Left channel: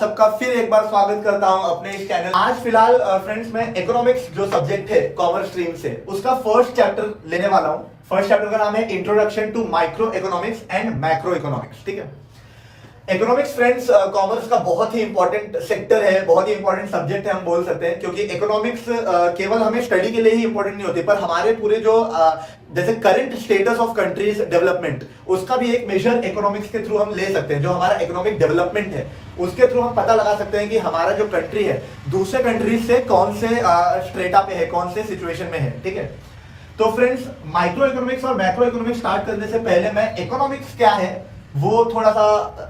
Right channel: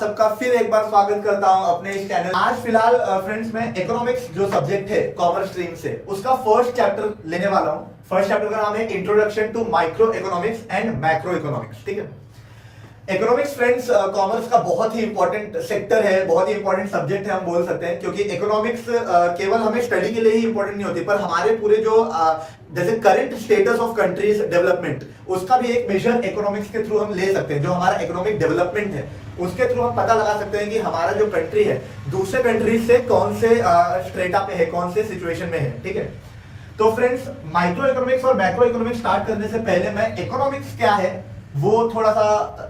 सबका फिर एक बार स्वागत करता हूं अपने इस चैनल। आज फिलहाल फ्रेंड्स मैं इकोनॉमिक्स जो सब्जेक्ट है कॉमर्स स्ट्रीम से उसका फर्स्ट चैप्टर लेने वाला हूं। फर्स्ट चैप्टर का नाम है introduction to microeconomics and macroeconomics. ठीक है, इकोनॉमिक्स फ्रेंड्स कॉमर्स का बहुत ही इंपॉर्टेंट सेक्टर है, बहुत ही इंपॉर्टेंट सब्जेक्ट है हम बोल सकते हैं, क्योंकि इकोनॉमिक्स केवल हमें स्टडी के लिए ही इंपॉर्टेंट नहीं होती, पर हमारे पूरे जो जैसे current status of countries development उसका भी एक मेजर इकोनॉमिक्स के थ्रू हम ले सकते हैं। जो हमारा इकोनॉमिक डेवलपमेंट है उसके थ्रू हम पता लगा सकते हैं कि हमारा जो कंट्री है दूसरे कंट्रीज से कौन से स्ट्रेटा पे है, कौन से सिचुएशन में है। ठीक है, तो फ्रेंड्स माइक्रो इकोनॉमिक्स और मैक्रो इकोनॉमिक्स स्टार्ट करने से पहले मैं इकोनॉमिक्स क्या है वो थोड़ा सा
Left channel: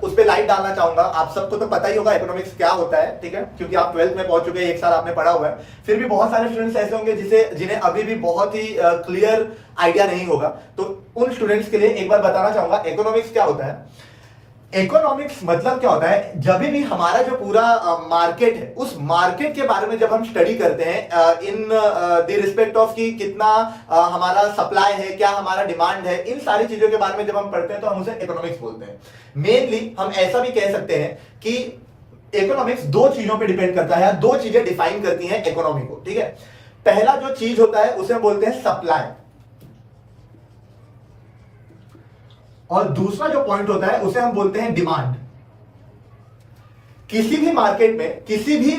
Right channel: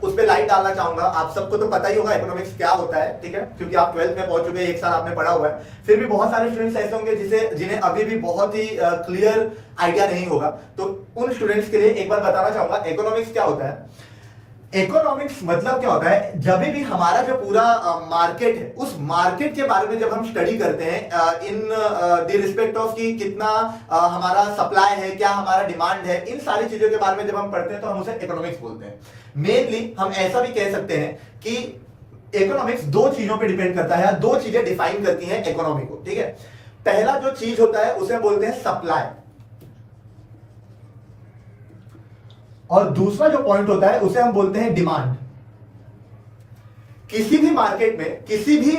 उस पर लाइट डालना चाहूंगा। आप सबको तो पता ही होगा इकोनॉमिक्स क्या होता है, ठीक है, क्योंकि आप 12th में पहुंच चुके हैं, एक साल आपने पढ़ा हुआ है। फिर भी बहुत सारे स्टूडेंट्स ऐसे होंगे जिन्हें अभी भी बहुत ही क्लियर आइडिया नहीं होगा, तो उन स्टूडेंट्स के लिए एक बार बताना चाहूंगा इकोनॉमिक्स क्या होता है। इकोनॉमिक्स मतलब क्या होता है, जब भी हमारा जो पूरा मार्केट है उस मार्केट के बारे में जब हम स्टडी करते हैं इन द रिस्पेक्ट ऑफ कि कितना हमारा सप्लाई है, क्या हमारा डिमांड है, इन सारी चीजों के बारे में जब हम पढ़ते हैं तो हम उसे इकोनॉमिक्स बोलते हैं। मेनली हम ऐसा भी कह सकते हैं कि इकोनॉमिक्स दो चीजों पे डिपेंड करता है, दो चीजें डिफाइन करती हैं इकोनॉमी को। ठीक है, पहला जो चीज होता है उसे हम बोलते हैं सप्लाई, और दूसरा जो पॉइंट होता है उसे हम बोलते हैं डिमांड। किसी भी मार्केट में किसी भी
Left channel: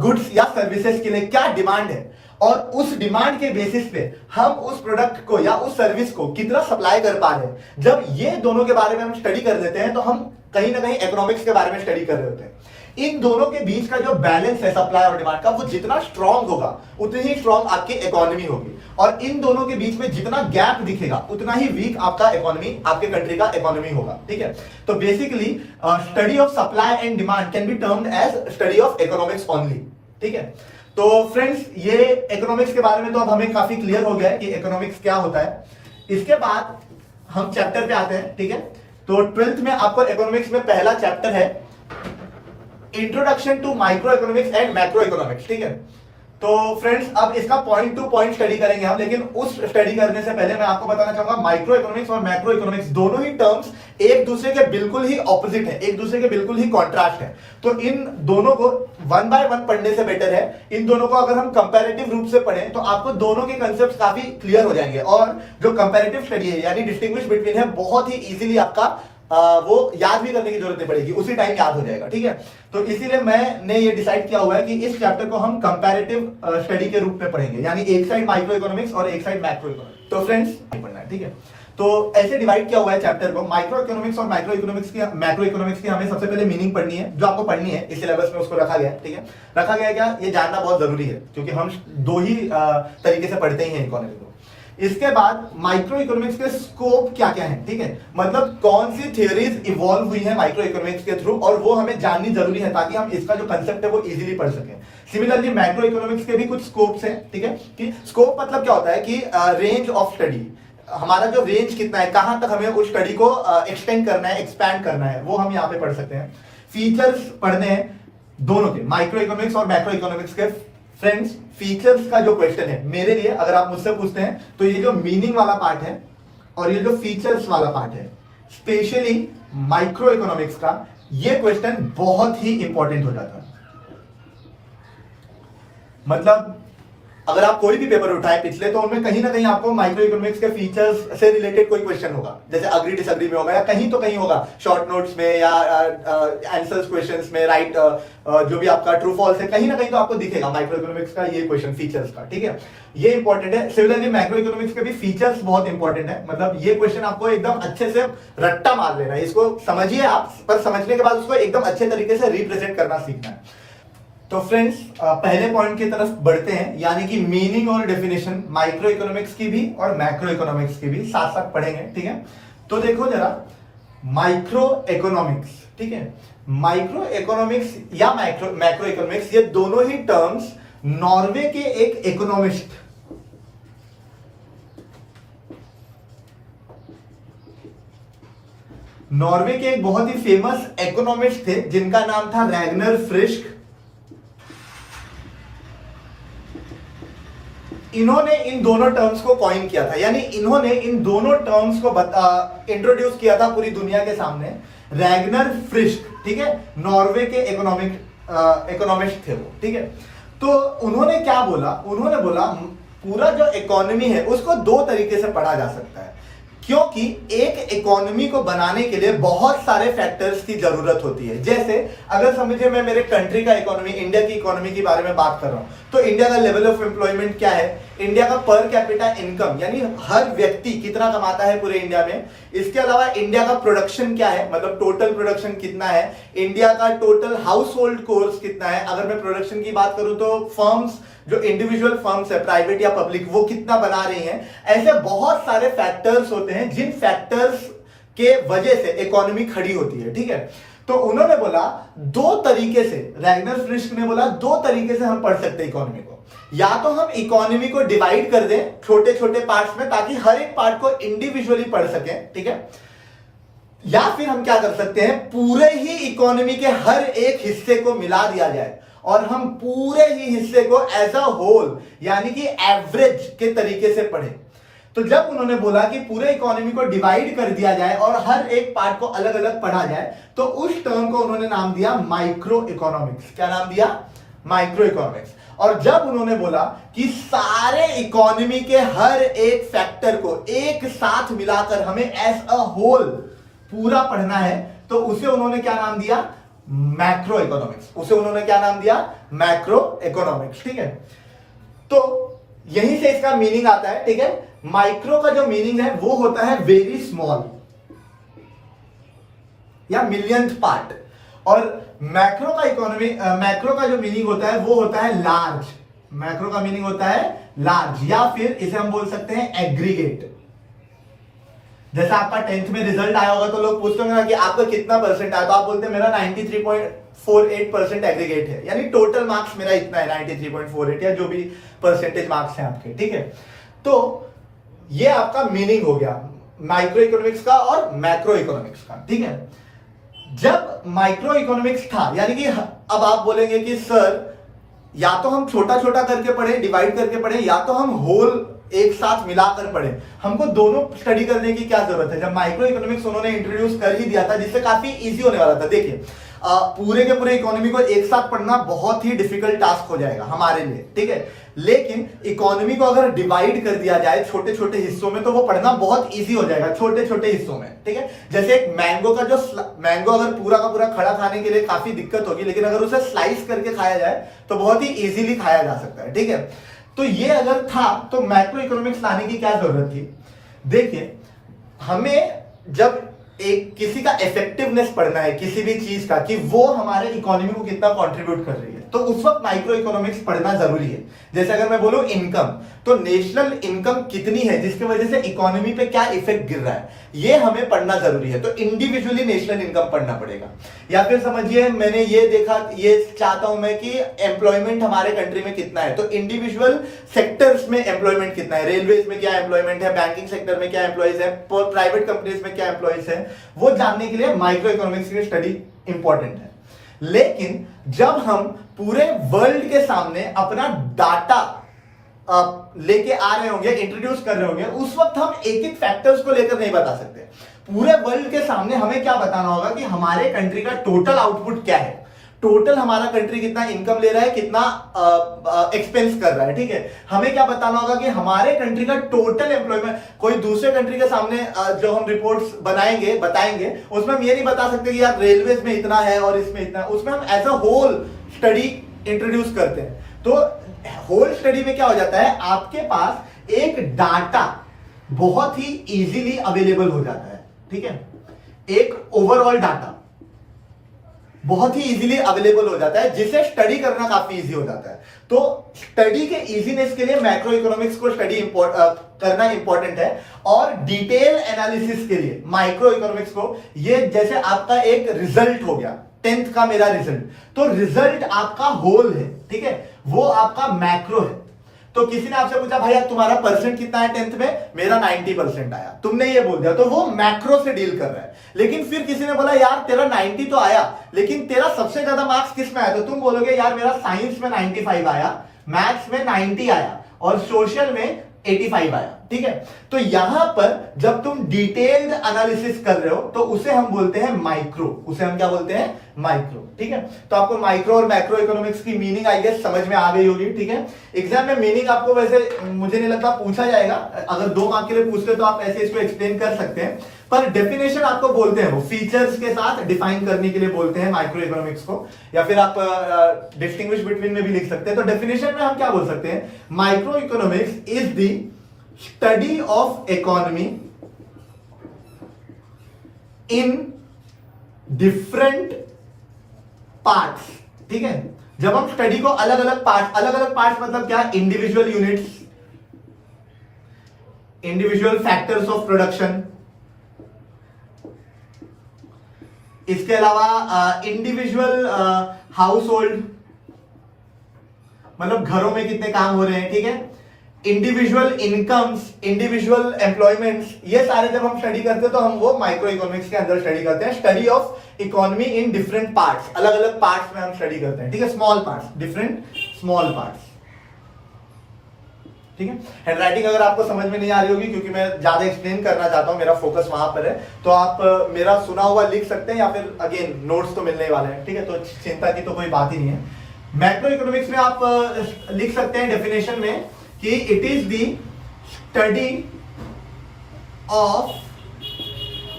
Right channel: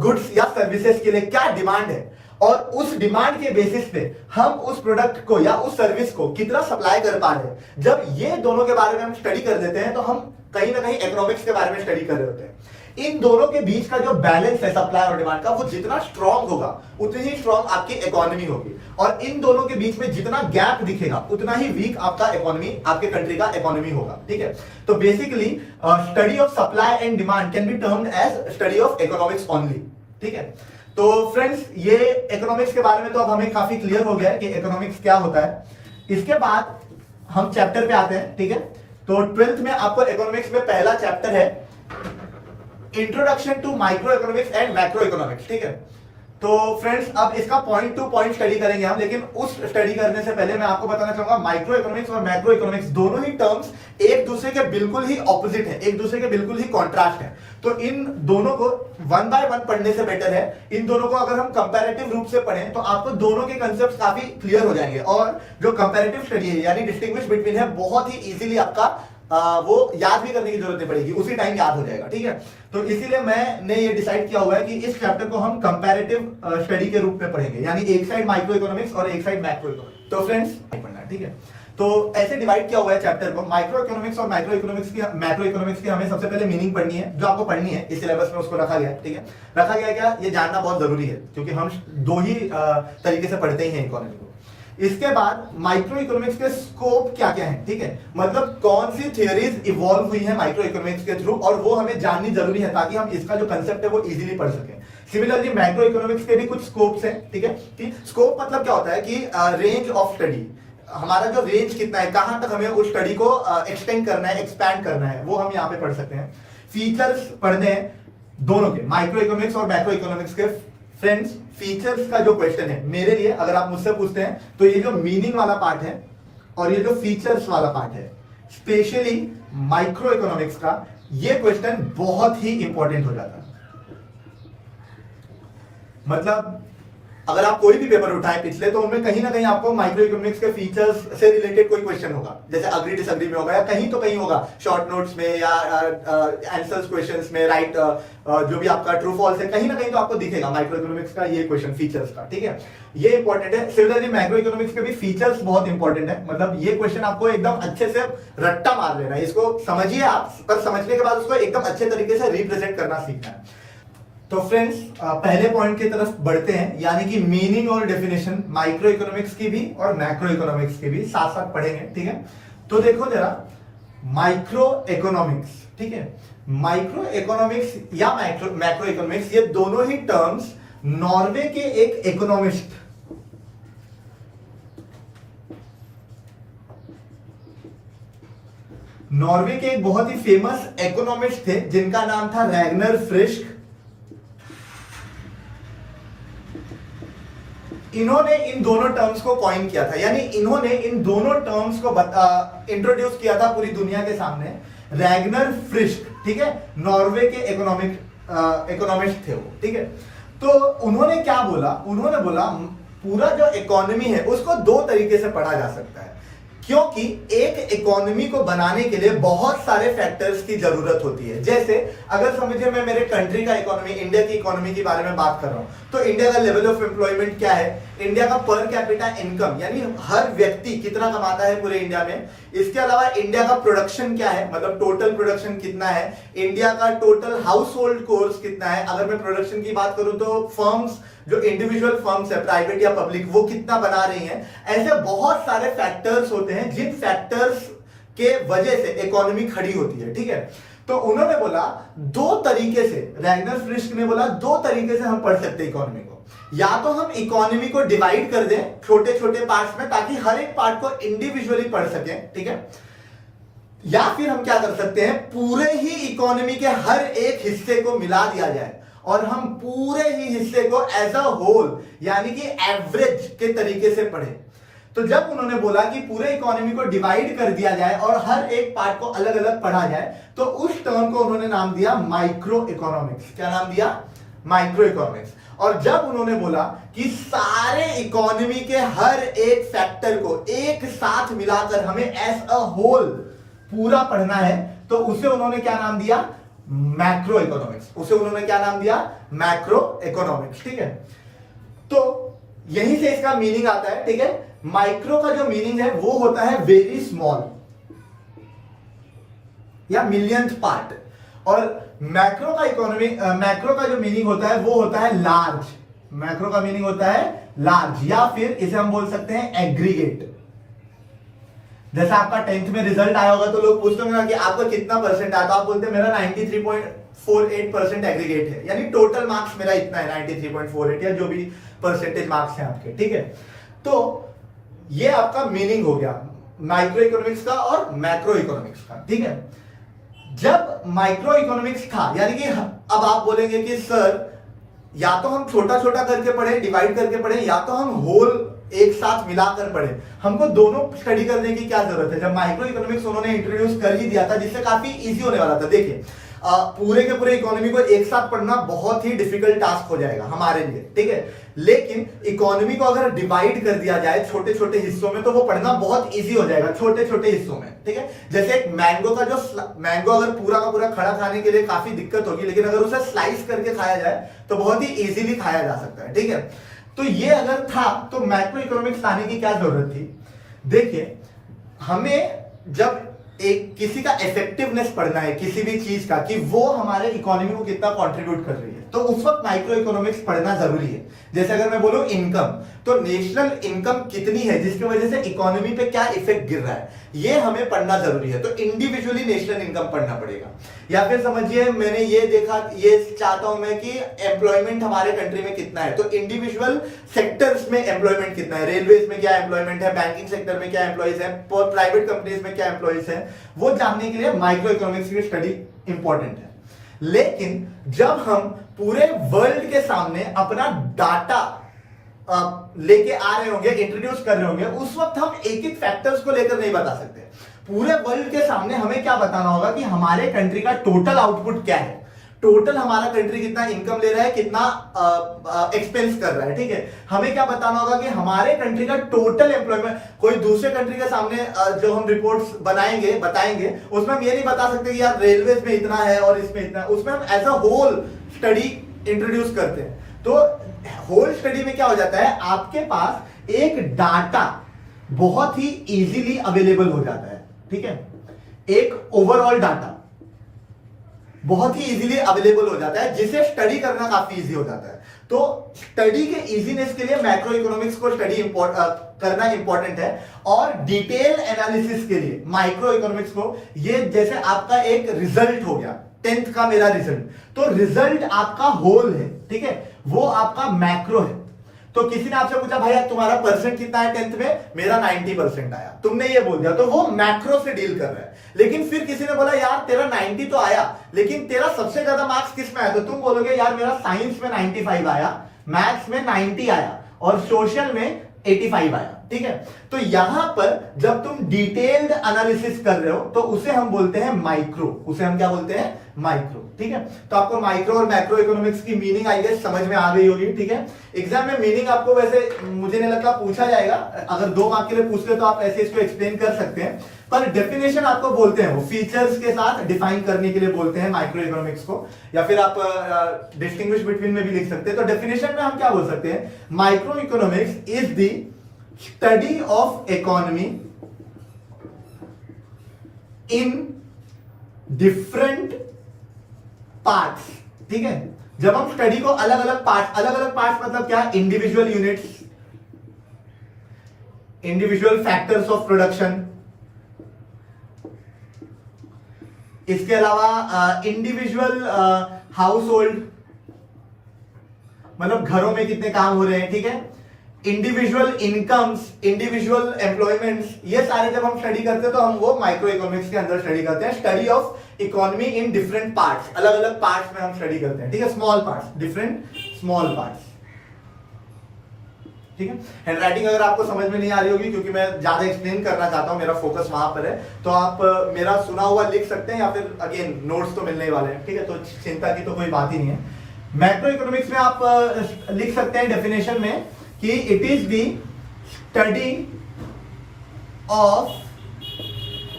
गुड्स या सर्विसेज के लिए क्या डिमांड है और उस डिमांड के बेसिस पे हम उस प्रोडक्ट को या उस सर्विस को कितना सप्लाई कर पा रहे हैं, जब ये दोनों के बारे में हम स्टडी कर लेते हैं तो हम कहीं ना कहीं इकोनॉमिक्स के बारे में स्टडी कर रहे होते हैं। इन दोनों के बीच का जो बैलेंस है सप्लाई और डिमांड का, वो जितना स्ट्रांग होगा उतनी ही स्ट्रांग आपकी इकोनॉमी होगी, और इन दोनों के बीच में जितना गैप दिखेगा उतना ही वीक आपका इकोनॉमी, आपके कंट्री का इकोनॉमी होगा। ठीक है, तो basically study of supply and demand can be termed as study of economics only. ठीक है, तो फ्रेंड्स ये इकोनॉमिक्स के बारे में तो अब हमें काफी क्लियर हो गया है कि इकोनॉमिक्स क्या होता है। इसके बाद हम चैप्टर पे आते हैं। ठीक है, तो 12th में आपको इकोनॉमिक्स में पहला चैप्टर है introduction to microeconomics and macroeconomics. ठीक है, तो फ्रेंड्स अब इसका पॉइंट टू पॉइंट स्टडी करेंगे हम, लेकिन उस स्टडी करने से पहले मैं आपको बताना चाहूंगा माइक्रो इकोनॉमिक्स और मैक्रो इकोनॉमिक्स दोनों ही टर्म्स एक दूसरे के बिल्कुल ही ऑपोजिट है, एक दूसरे के बिल्कुल ही कॉन्ट्रास्ट है। तो इन दोनों को वन बाय वन पढ़ने से बेटर है इन दोनों को अगर हम कंपैरेटिव रूप से पढ़ें तो आपको दोनों के कांसेप्ट्स काफी क्लियर हो जाएंगे, और जो कंपैरेटिव स्टडी है यानी डिस्टिंग्विश बिटवीन है बहुत ही इजीली आपका वो याद भी करने की जरूरत नहीं पड़ेगी, उसी टाइम याद हो जाएगा। ठीक है, तो इसीलिए मैंने ये डिसाइड किया हुआ है कि इस चैप्टर को हम कंपैरेटिव स्टडी के रूप में पढ़ेंगे, यानी एक साइड माइक्रो इकोनॉमिक्स और एक साइड मैक्रो इकोनॉमिक्स। तो फ्रेंड्स पढ़ना है। ठीक है, तो ऐसे डिवाइड किया हुआ है चैप्टर को। माइक्रो इकोनॉमिक्स और माइक्रो इकोनॉमिक्स की मैक्रो इकोनॉमिक्स की हमें सबसे पहले मीनिंग पढ़नी है, जो आपको पढ़नी है इस सिलेबस में उसको रखा गया है। ठीक है, रखा गया है क्या, ये जानना बहुत जरूरी है, क्योंकि हम दो ही तरीके से पढ़ते ही हैं इकोनॉमी को। इसके बाद माइक्रो इकोनॉमिक्स के स्कोप क्या क्या है, ठीक है, मतलब कौन सी थियरीज इवॉल्व हुई है माइक्रो इकोनॉमिक्स के थ्रू, और वो हमें जाननी जरूरी है ताकि हम इसका जो कंसेप्ट है वो इजीली पढ़ सकें। सिमिलरली मैक्रो इकोनॉमिक्स के भी कुछ स्कोप्स हैं। ठीक है, कि स्कोप मतलब क्या होता है कि रेंज ऑफ स्टडी, हमारा जो रेंज कितना है, कहां तक हमें उस स्टडी को एक्सटेंड करना है, एक्सपैंड करना है, वो हम यहाँ पे पढ़ सकते हैं। फीचर्स पढ़ने हैं दोनों के, माइक्रो इकोनॉमिक्स और मैक्रो इकोनॉमिक्स के। फ्रेंड्स फीचर्स का जो क्वेश्चन है मेरे लिए, अगर आप मुझसे पूछते हैं तो ये जो मीनिंग वाला पार्ट है और ये जो फीचर्स वाला पार्ट है, स्पेशली माइक्रो इकोनॉमिक्स का, ये क्वेश्चन बहुत ही इंपॉर्टेंट हो जाता है। मतलब अगर आप कोई भी पेपर उठाए पिछले, तो उनमें कहीं ना कहीं आपको माइक्रो इकोनॉमिक्स के फीचर्स से रिलेटेड कोई क्वेश्चन होगा, जैसे अग्री डिसअग्री में होगा, या कहीं तो कहीं होगा शॉर्ट नोट्स में, या आंसर्स क्वेश्चंस में, राइट जो भी आपका ट्रू फॉल्स है, कहीं ना कहीं तो आपको दिखेगा माइक्रो इकोनॉमिक्स का ये क्वेश्चन फीचर्स का। ठीक है, ये इंपॉर्टेंट है। सिमिलरली मैक्रो इकोनॉमिक्स के भी फीचर्स बहुत इंपॉर्टेंट है, मतलब ये क्वेश्चन आपको एकदम अच्छे से रट्टा मार लेना है, इसको समझिए आप, पर समझने के बाद उसको एकदम अच्छे तरीके से रिप्रेजेंट करना सीखना है। तो फ्रेंड्स पहले पॉइंट की तरफ बढ़ते हैं, यानी कि मीनिंग और डेफिनेशन माइक्रो इकोनॉमिक्स की भी और मैक्रो इकोनॉमिक्स की भी साथ साथ पढ़ेंगे। ठीक है, तो देखो जरा माइक्रो इकोनॉमिक्स, ठीक है, माइक्रो इकोनॉमिक्स या मैक्रो इकोनॉमिक्स, ये दोनों ही टर्म्स नॉर्वे के एक इकोनॉमिस्ट, नॉर्वे के एक बहुत ही फेमस इकोनॉमिस्ट थे जिनका नाम था रैगनर फ्रिस्क। इन्होंने इन दोनों टर्म्स को कॉइन किया था, यानी इन्होंने इन दोनों टर्म्स को इंट्रोड्यूस किया था पूरी दुनिया के सामने रैगनर फ्रिस्क, ठीक है, नॉर्वे के इकोनॉमिस्ट थे वो, ठीक है। तो उन्होंने क्या बोला, उन्होंने बोला पूरा जो इकोनॉमी है उसको दो तरीके से पढ़ा जा सकता है, क्योंकि एक इकोनॉमी को बनाने के लिए बहुत सारे फैक्टर्स की जरूरत होती है। जैसे अगर समझिए मैं मेरे कंट्री का इकोनॉमी, इंडिया की इकोनॉमी के बारे में बात कर रहा हूं, तो इंडिया का लेवल ऑफ एम्प्लॉयमेंट क्या है, इंडिया का पर कैपिटा इनकम यानी हर व्यक्ति कितना कमाता है पूरे इंडिया में, इसके अलावा इंडिया का प्रोडक्शन क्या है, मतलब टोटल प्रोडक्शन कितना है, इंडिया का टोटल हाउस होल्ड कोर्स कितना है, अगर मैं प्रोडक्शन की बात करूं तो फर्म्स, जो इंडिविजुअल फर्म्स है प्राइवेट या पब्लिक, वो कितना बना रही हैं। ऐसे बहुत सारे फैक्टर्स होते हैं जिन फैक्टर्स के वजह से इकोनॉमी खड़ी होती है, ठीक है। तो उन्होंने बोला दो तरीके से, रैगनर फ्रिस्क ने बोला दो तरीके से हम पढ़ सकते हैं इकोनॉमी को। या तो हम इकोनॉमी को डिवाइड कर दें छोटे छोटे पार्ट्स में ताकि हर एक पार्ट को इंडिविजुअली पढ़ सकें, ठीक है, या फिर हम क्या कर सकते हैं, पूरे ही इकोनॉमी के हर एक हिस्से को मिला दिया जाए और हम पूरे ही हिस्से को एज अ होल यानी कि एवरेज के तरीके से पढ़ें। तो जब उन्होंने बोला कि पूरे इकोनॉमी को डिवाइड कर दिया जाए और हर एक पार्ट को अलग अलग पढ़ा जाए, तो उस टर्म को उन्होंने नाम दिया माइक्रो इकोनॉमिक्स। क्या नाम दिया? Micro economics. और जब उन्होंने बोला कि सारे इकोनॉमी के हर एक फैक्टर को एक साथ मिलाकर हमें एज अ होल पूरा पढ़ना है, तो उसे उन्होंने क्या नाम दिया? Macro economics. उसे उन्होंने क्या नाम दिया? मैक्रो इकोनॉमिक्स, ठीक है। तो यहीं से इसका मीनिंग आता है, ठीक है। माइक्रो का जो मीनिंग है वो होता है वेरी स्मॉल या मिलियंथ पार्ट, और मैक्रो का जो मीनिंग होता है वो होता है लार्ज। मैक्रो का मीनिंग होता है लार्ज, या फिर इसे हम बोल सकते हैं एग्रीगेट। जैसा आपका 10th में रिजल्ट आया होगा तो लोग पूछते होंगे ना कि आपका कितना परसेंट आया, तो आप बोलते हैं मेरा 93.48% एग्रीगेट है, यानी टोटल मार्क्स मेरा इतना है 93.48 या जो भी परसेंटेज मार्क्स हैं आपके, ठीक है। तो ये आपका मीनिंग हो गया माइक्रो इकोनॉमिक्स का और मैक्रो इकोनॉमिक्स का, ठीक है। जब माइक्रो इकोनॉमिक्स था, यानी कि अब आप बोलेंगे कि सर या तो हम छोटा छोटा करके पढ़े, डिवाइड करके पढ़े, या तो हम होल एक साथ मिलाकर पढ़े, हमको दोनों स्टडी करने की क्या जरूरत है? जब माइक्रो इकोनॉमिक्स उन्होंने इंट्रोड्यूस कर ही दिया था, जिससे काफी इजी होने वाला था। देखिए पूरे के पूरे इकोनॉमी को एक साथ पढ़ना बहुत ही डिफिकल्ट टास्क हो जाएगा हमारे लिए, ठीक है। लेकिन इकोनॉमी को अगर डिवाइड कर दिया जाए छोटे छोटे हिस्सों में, तो वो पढ़ना बहुत इजी हो जाएगा छोटे छोटे हिस्सों में, ठीक है। जैसे एक मैंगो का जो मैंगो अगर पूरा का पूरा खड़ा खाने के लिए काफी दिक्कत होगी, लेकिन अगर उसे स्लाइस करके खाया जाए तो बहुत ही इजीली खाया जा सकता है, ठीक है। तो ये अगर था तो मैक्रो इकोनॉमिक्स लाने की क्या जरूरत थी? देखिए हमें जब एक किसी का इफेक्टिवनेस पढ़ना है किसी भी चीज का, कि वो हमारे इकोनॉमी को कितना कंट्रीब्यूट कर रही है, तो उस वक्त माइक्रो इकोनॉमिक्स पढ़ना जरूरी है। जैसे अगर मैं बोलूं इनकम, तो नेशनल इनकम कितनी है जिसकी वजह से इकोनॉमी पे क्या इफेक्ट गिर रहा है, ये हमें पढ़ना जरूरी है। तो इंडिविजुअली नेशनल इनकम पढ़ना पड़ेगा। या फिर समझिए मैंने ये देखा, ये चाहता हूं मैं कि एम्प्लॉयमेंट हमारे कंट्री में कितना है, तो इंडिविजुअल सेक्टर्स में एम्प्लॉयमेंट कितना है, रेलवेज में क्या एम्प्लॉयमेंट है, बैंकिंग सेक्टर में क्या एम्प्लॉयज है, प्राइवेट कंपनीज में क्या एम्प्लॉयज है, वो जानने के लिए माइक्रो इकोनॉमिक्स की स्टडी इंपॉर्टेंट है। लेकिन जब हम पूरे वर्ल्ड के सामने अपना डाटा लेके आ रहे होंगे, इंट्रोड्यूस कर रहे होंगे, उस वक्त हम एक एक फैक्टर्स को लेकर नहीं बता सकते। पूरे वर्ल्ड के सामने हमें क्या बताना होगा कि हमारे कंट्री का टोटल आउटपुट क्या है, टोटल हमारा कंट्री कितना इनकम ले रहा है, कितना एक्सपेंस कर रहा है, ठीक है। हमें क्या बताना होगा कि हमारे कंट्री का टोटल एम्प्लॉयमेंट, कोई दूसरे कंट्री के सामने जो हम रिपोर्ट्स बताएंगे उसमें हम ये नहीं बता सकते कि यार रेलवेज में इतना है और इसमें इतना, उसमें हम as a whole study introduce करते हैं। तो होल स्टडी में क्या हो जाता है, आपके पास एक डाटा बहुत ही इजीली अवेलेबल हो जाता है, ठीक है। एक ओवरऑल डाटा बहुत ही इजीली अवेलेबल हो जाता है, जिसे स्टडी करना काफी इजी हो जाता है। तो स्टडी के इजीनेस के लिए मैक्रो इकोनॉमिक्स को स्टडी करना इंपॉर्टेंट है, और डिटेल एनालिसिस के लिए माइक्रो इकोनॉमिक्स को, ये जैसे आपका एक रिजल्ट हो गया 10th का मेरा रिजल्ट, तो रिजल्ट आपका होल है, ठीक है, वो आपका मैक्रो है। तो किसी ने आपसे पूछा भाई तुम्हारा परसेंट कितना है 10th में, मेरा 90% आया, तुमने ये बोल दिया, तो वो मैक्रो से डील कर रहा है। लेकिन फिर किसी ने बोला यार तेरा 90 तो आया, लेकिन तेरा सबसे ज्यादा मार्क्स किस में आया, तो तुम बोलोगे यार मेरा साइंस में 95 आया, मैथ्स में 90 आया और सोशल में 85 आया, ठीक है। तो यहां पर जब तुम डिटेल्ड एनालिसिस कर रहे हो तो उसे हम बोलते हैं माइक्रो, उसे हम क्या बोलते हैं, माइक्रो, ठीक है। तो आपको माइक्रो और मैक्रो इकोनॉमिक्स की मीनिंग आई गेस समझ में आ गई होगी, ठीक है। एग्जाम में मीनिंग आपको वैसे मुझे नहीं लगता पूछा जाएगा, अगर 2 मार्क के लिए पूछते तो आप ऐसे इसको एक्सप्लेन कर सकते हैं, पर डेफिनेशन आपको बोलते हैं, वो फीचर्स के साथ डिफाइन करने के लिए बोलते हैं माइक्रो इकोनॉमिक्स को, या फिर आप डिस्टिंग्विश बिटवीन में भी लिख सकते हैं। तो डेफिनेशन में हम क्या बोल सकते हैं, micro economics is the study of economy in different parts, ठीक है। जब हम स्टडी को अलग अलग पार्ट्स मतलब क्या, individual units, individual factors of production, इसके अलावा इंडिविजुअल हाउस होल्ड, मतलब घरों में कितने काम हो रहे हैं, ठीक है, इंडिविजुअल इनकम्स, इंडिविजुअल एम्प्लॉयमेंट्स, ये सारे जब हम स्टडी करते हैं तो हम वो माइक्रो इकोनॉमिक्स के अंदर स्टडी करते हैं। Study of economy in different parts, अलग अलग पार्ट्स में हम स्टडी करते हैं, ठीक है, small parts, different small parts, ठीक है। हैंडराइटिंग अगर आपको समझ में नहीं आ रही होगी क्योंकि मैं ज्यादा एक्सप्लेन करना चाहता हूं, मेरा फोकस वहां पर है, तो आप मेरा सुना हुआ लिख सकते हैं या फिर अगेन नोट्स तो मिलने वाले हैं, ठीक है, तो चिंता की तो कोई बात ही नहीं है। मैक्रो इकोनॉमिक्स में आप लिख सकते हैं डेफिनेशन में कि it is the study of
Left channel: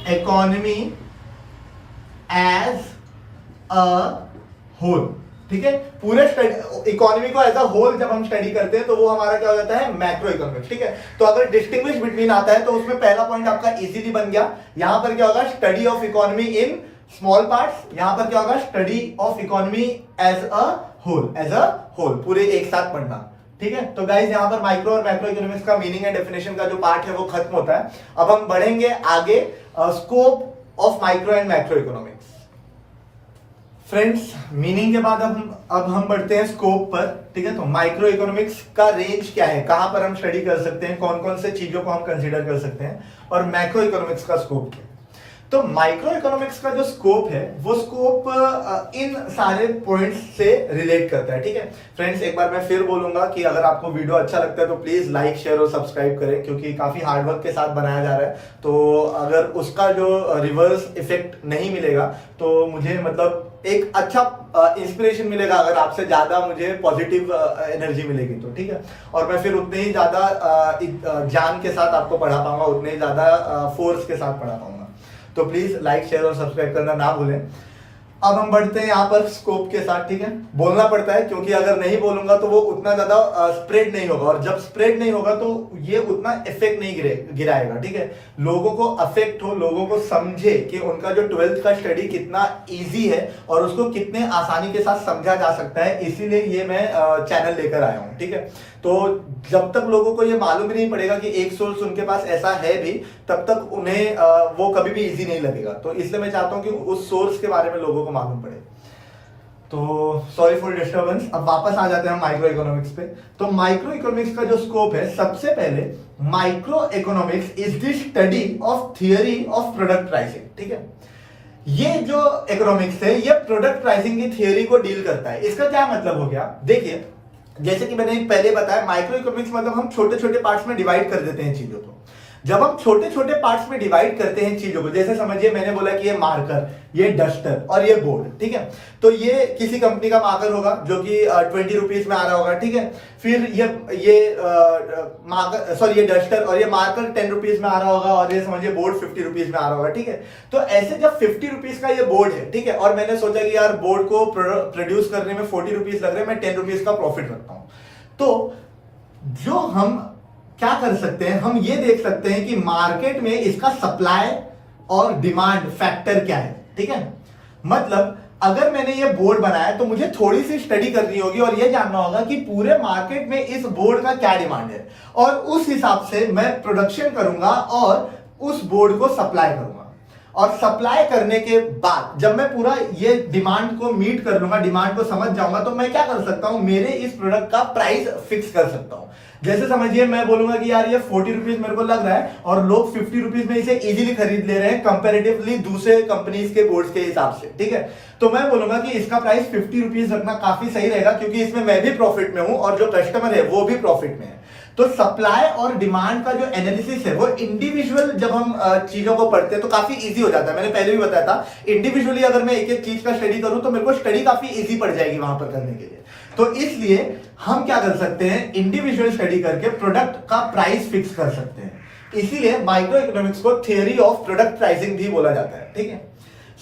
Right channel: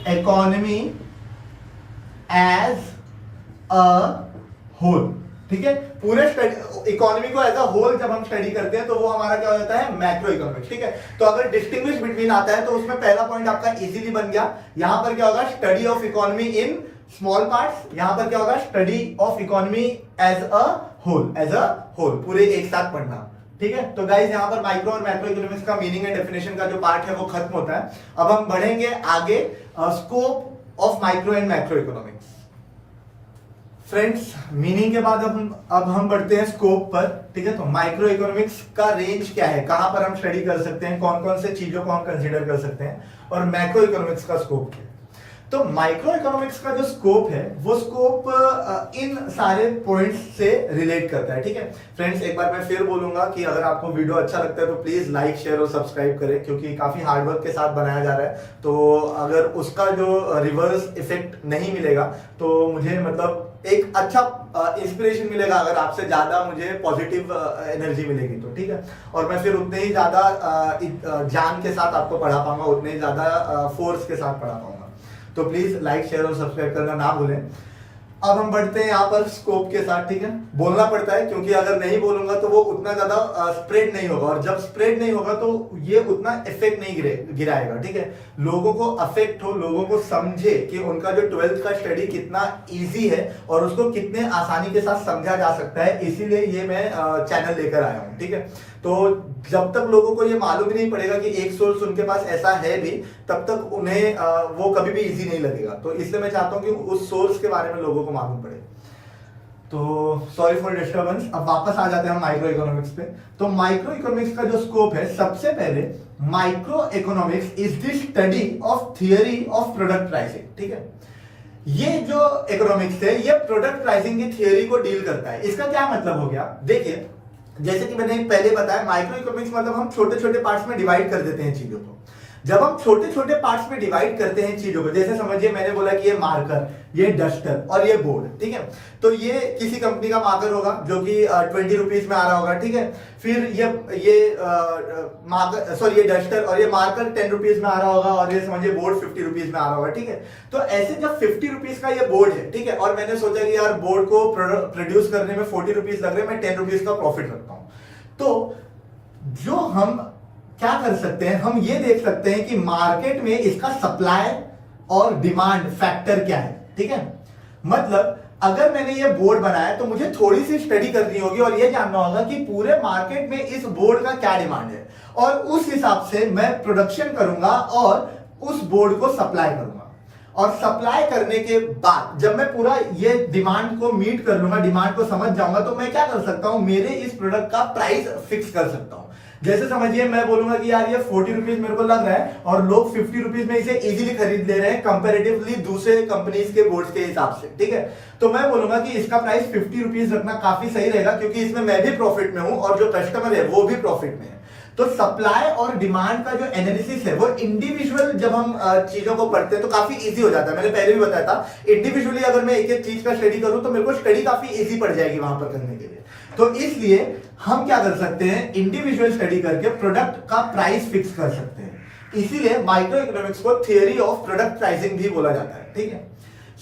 economy as a whole, ठीक है। पूरे इकोनॉमी को एज अ होल जब हम स्टडी करते हैं तो वो हमारा क्या हो जाता है, मैक्रो इकोनॉमिक्स, ठीक है। तो अगर डिस्टिंग्विश बिटवीन आता है तो उसमें पहला पॉइंट आपका इजीली बन गया। यहां पर क्या होगा, study of economy in small parts, यहां पर क्या होगा, study of economy as a whole, as a whole, पूरे एक साथ पढ़ना, ठीक है। तो गाइस यहां पर माइक्रो और मैक्रो इकोनॉमिक्स का मीनिंग एंड डेफिनेशन का जो पार्ट है वो खत्म होता है। अब हम बढ़ेंगे आगे, scope of micro and macro economics. Friends, meaning के बाद अब हम बढ़ते हैं स्कोप पर, ठीक है। तो माइक्रो इकोनॉमिक्स का रेंज क्या है, कहां पर हम स्टडी कर सकते हैं, कौन कौन से चीजों को हम कंसीडर कर सकते हैं, और मैक्रो इकोनॉमिक्स का स्कोप क्या है। तो माइक्रो इकोनॉमिक्स का जो स्कोप है वो स्कोप इन सारे पॉइंट्स से रिलेट करता है, ठीक है। फ्रेंड्स, एक बार मैं फिर बोलूंगा कि अगर आपको वीडियो अच्छा लगता है तो प्लीज लाइक, शेयर और सब्सक्राइब करें, क्योंकि काफी हार्डवर्क के साथ बनाया जा रहा है। तो अगर उसका जो रिवर्स इफेक्ट नहीं मिलेगा तो मुझे मतलब एक अच्छा इंस्पिरेशन मिलेगा, अगर आपसे ज्यादा मुझे पॉजिटिव एनर्जी मिलेगी तो, ठीक है। और मैं फिर उतने ही ज्यादा जान के साथ आपको पढ़ा पाऊंगा, उतने ही ज्यादा फोर्स के साथ पढ़ा पाऊंगा। तो प्लीज लाइक, शेयर और सब्सक्राइब करना ना भूलें। अब हम बढ़ते हैं यहाँ पर स्कोप के साथ, ठीक है। बोलना पड़ता है क्योंकि अगर नहीं बोलूंगा तो वो उतना ज्यादा स्प्रेड नहीं होगा, और जब स्प्रेड नहीं होगा तो ये उतना इफेक्ट नहीं गिराएगा, ठीक है। लोगों को अफेक्ट हो, लोगों को समझे कि उनका जो 12th का स्टडी कितना इजी है और उसको कितने आसानी के साथ समझा जा सकता है, इसीलिए ये मैं चैनल लेकर आया हूँ, ठीक है। तो जब तक लोगों को ये मालूम ही नहीं पड़ेगा कि एक सोर्स उनके पास ऐसा है भी, तब तक उन्हें वो कभी भी इजी नहीं लगेगा। तो इसलिए मैं चाहता हूं कि उस सोर्स के बारे में लोगों को मालूम पड़े। तो सॉरी फॉर डिस्टर्बेंस, अब वापस आ जाते हैं हम माइक्रो इकोनॉमिक्स पे। तो माइक्रो इकोनॉमिक्स का जो स्कोप है, सबसे पहले micro economics is the study of theory of product pricing, ठीक है। ये जो इकोनॉमिक्स है ये प्रोडक्ट प्राइसिंग की थियरी को डील करता है। इसका क्या मतलब हो गया, देखिए जैसे कि मैंने पहले बताया, माइक्रो इकोनॉमिक्स मतलब हम छोटे छोटे पार्ट्स में डिवाइड कर देते हैं चीजों को। जब हम छोटे छोटे पार्ट्स में डिवाइड करते हैं चीजों को, जैसे समझिए मैंने बोला कि ये मार्कर, ये डस्टर और ये बोर्ड, ठीक है। तो ये किसी कंपनी का मार्कर होगा जो कि 20 रुपीज में आ रहा होगा, ठीक है। फिर ये मार्कर, सॉरी, ये डस्टर और ये मार्कर 10 रुपीज में आ रहा होगा, और ये समझिए बोर्ड 50 रुपीज में आ रहा होगा, ठीक है। तो ऐसे जब 50 रुपीज का ये बोर्ड है, ठीक है, और मैंने सोचा कि यार बोर्ड को प्रोड्यूस करने में 40 रुपीज लग रहे हैं, मैं 10 रुपीज का प्रॉफिट रखता हूं, तो जो हम क्या कर सकते हैं, हम ये देख सकते हैं कि मार्केट में इसका सप्लाई और डिमांड फैक्टर क्या है, ठीक है। मतलब अगर मैंने ये बोर्ड बनाया तो मुझे थोड़ी सी स्टडी करनी होगी और ये जानना होगा कि पूरे मार्केट में इस बोर्ड का क्या डिमांड है, और उस हिसाब से मैं प्रोडक्शन करूंगा और उस बोर्ड को सप्लाई करूंगा। और सप्लाई करने के बाद जब मैं पूरा ये डिमांड को मीट कर लूंगा, डिमांड को समझ जाऊंगा, तो मैं क्या कर सकता हूं, मेरे इस प्रोडक्ट का प्राइस फिक्स कर सकता हूं। जैसे समझिए मैं बोलूंगा कि यार ये 40 रुपीज मेरे को लग रहा है और लोग 50 रुपीज में इसे इजीली खरीद ले रहे हैं कंपैरेटिवली दूसरे कंपनीज के बोर्ड्स के हिसाब से, ठीक है। तो मैं बोलूंगा कि इसका प्राइस 50 रुपीज रखना काफी सही रहेगा, क्योंकि इसमें मैं भी प्रॉफिट में हूं और जो कस्टमर है वो भी प्रॉफिट में है। तो सप्लाई और डिमांड का जो एनालिसिस है वो इंडिविजुअल जब हम चीजों को पढ़ते हैं तो काफी इजी हो जाता है। मैंने पहले भी बताया था, इंडिविजुअली अगर मैं एक एक चीज का स्टडी करूं तो मेरे को स्टडी काफी इजी पड़ जाएगी वहां पर करने के लिए। तो इसलिए हम क्या कर सकते हैं, इंडिविजुअल स्टडी करके प्रोडक्ट का प्राइस फिक्स कर सकते हैं। इसीलिए माइक्रो इकोनॉमिक्स को थियोरी ऑफ प्रोडक्ट प्राइसिंग भी बोला जाता है, ठीक है।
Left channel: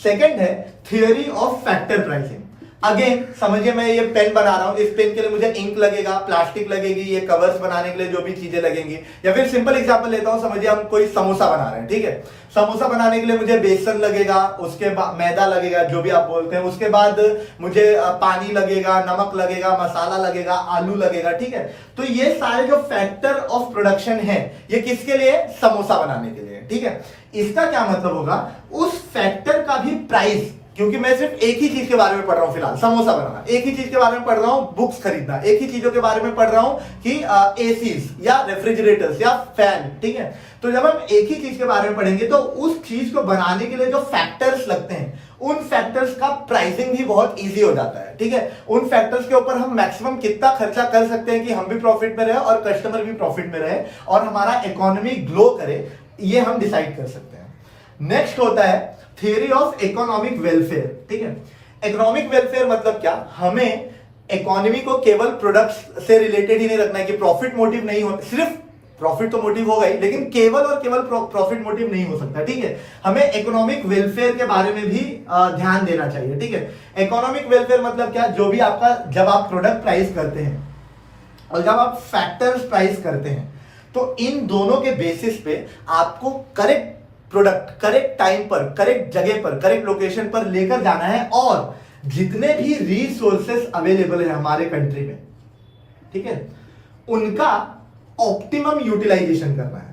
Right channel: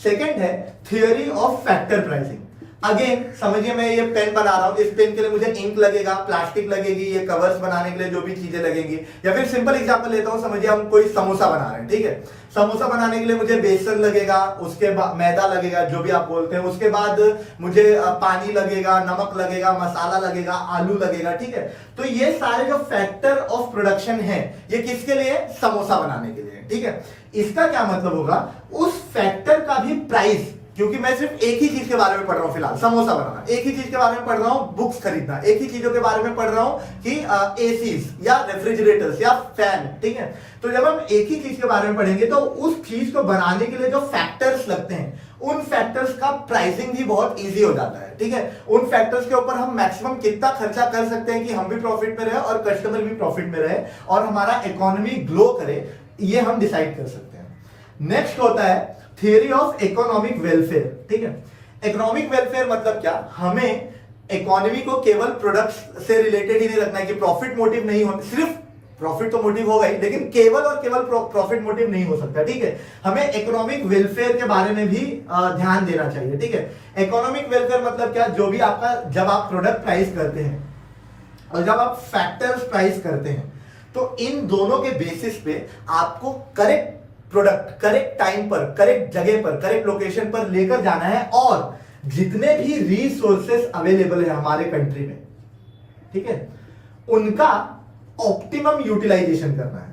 सेकंड है theory of factor pricing. Again समझिए, मैं ये पेन बना रहा हूं, इस पेन के लिए मुझे इंक लगेगा, प्लास्टिक लगेगी, ये कवर्स बनाने के लिए जो भी चीजें लगेंगी, या फिर सिंपल एग्जांपल लेता हूं, समझिए हम कोई समोसा बना रहे हैं, ठीक है। समोसा बनाने के लिए मुझे बेसन लगेगा, उसके बाद मैदा लगेगा, जो भी आप बोलते हैं, उसके बाद मुझे पानी लगेगा, नमक लगेगा, मसाला लगेगा, आलू लगेगा, ठीक है। तो ये सारे जो फैक्टर ऑफ प्रोडक्शन है ये किसके लिए, समोसा बनाने के लिए, ठीक है। इसका क्या मतलब होगा, उस फैक्टर का भी प्राइस, क्योंकि मैं सिर्फ एक ही चीज के बारे में पढ़ रहा हूं फिलहाल, समोसा बनाना, एक ही चीज के बारे में पढ़ रहा हूं, बुक्स खरीदना, एक ही चीजों के बारे में पढ़ रहा हूं कि एसीज या रेफ्रिजरेटर्स या फैन, ठीक है। तो जब हम एक ही चीज के बारे में पढ़ेंगे तो उस चीज को बनाने के लिए जो फैक्टर्स लगते हैं उन फैक्टर्स का प्राइसिंग भी बहुत इजी हो जाता है, ठीक है। उन फैक्टर्स के ऊपर हम मैक्सिमम कितना खर्चा कर सकते हैं कि हम भी प्रॉफिट में रहे और कस्टमर भी प्रॉफिट में रहे और हमारा इकोनॉमी ग्लो करे, ये हम डिसाइड कर सकते हैं। नेक्स्ट होता है थियरी ऑफ इकोनॉमिक वेलफेयर, ठीक है। इकोनॉमिक वेलफेयर मतलब क्या, हमें इकोनॉमी को केवल प्रोडक्ट्स से रिलेटेड ही नहीं रखना है कि प्रॉफिट मोटिव नहीं हो, सिर्फ प्रॉफिट तो मोटिव होगा ही, लेकिन केवल और केवल प्रॉफिट मोटिव नहीं हो सकता, ठीक है। हमें इकोनॉमिक वेलफेयर के बारे में भी ध्यान देना चाहिए, ठीक है। इकोनॉमिक वेलफेयर मतलब क्या, जो भी आपका, जब आप प्रोडक्ट प्राइस करते हैं और जब आप फैक्टर्स प्राइस करते हैं तो इन दोनों के बेसिस पे आपको करेक्ट प्रोडक्ट करेक्ट टाइम पर, करेक्ट जगह पर, करेक्ट लोकेशन पर लेकर जाना है और जितने भी रिसोर्सेस अवेलेबल है हमारे कंट्री में, ठीक है, उनका ऑप्टिमम यूटिलाइजेशन करना है।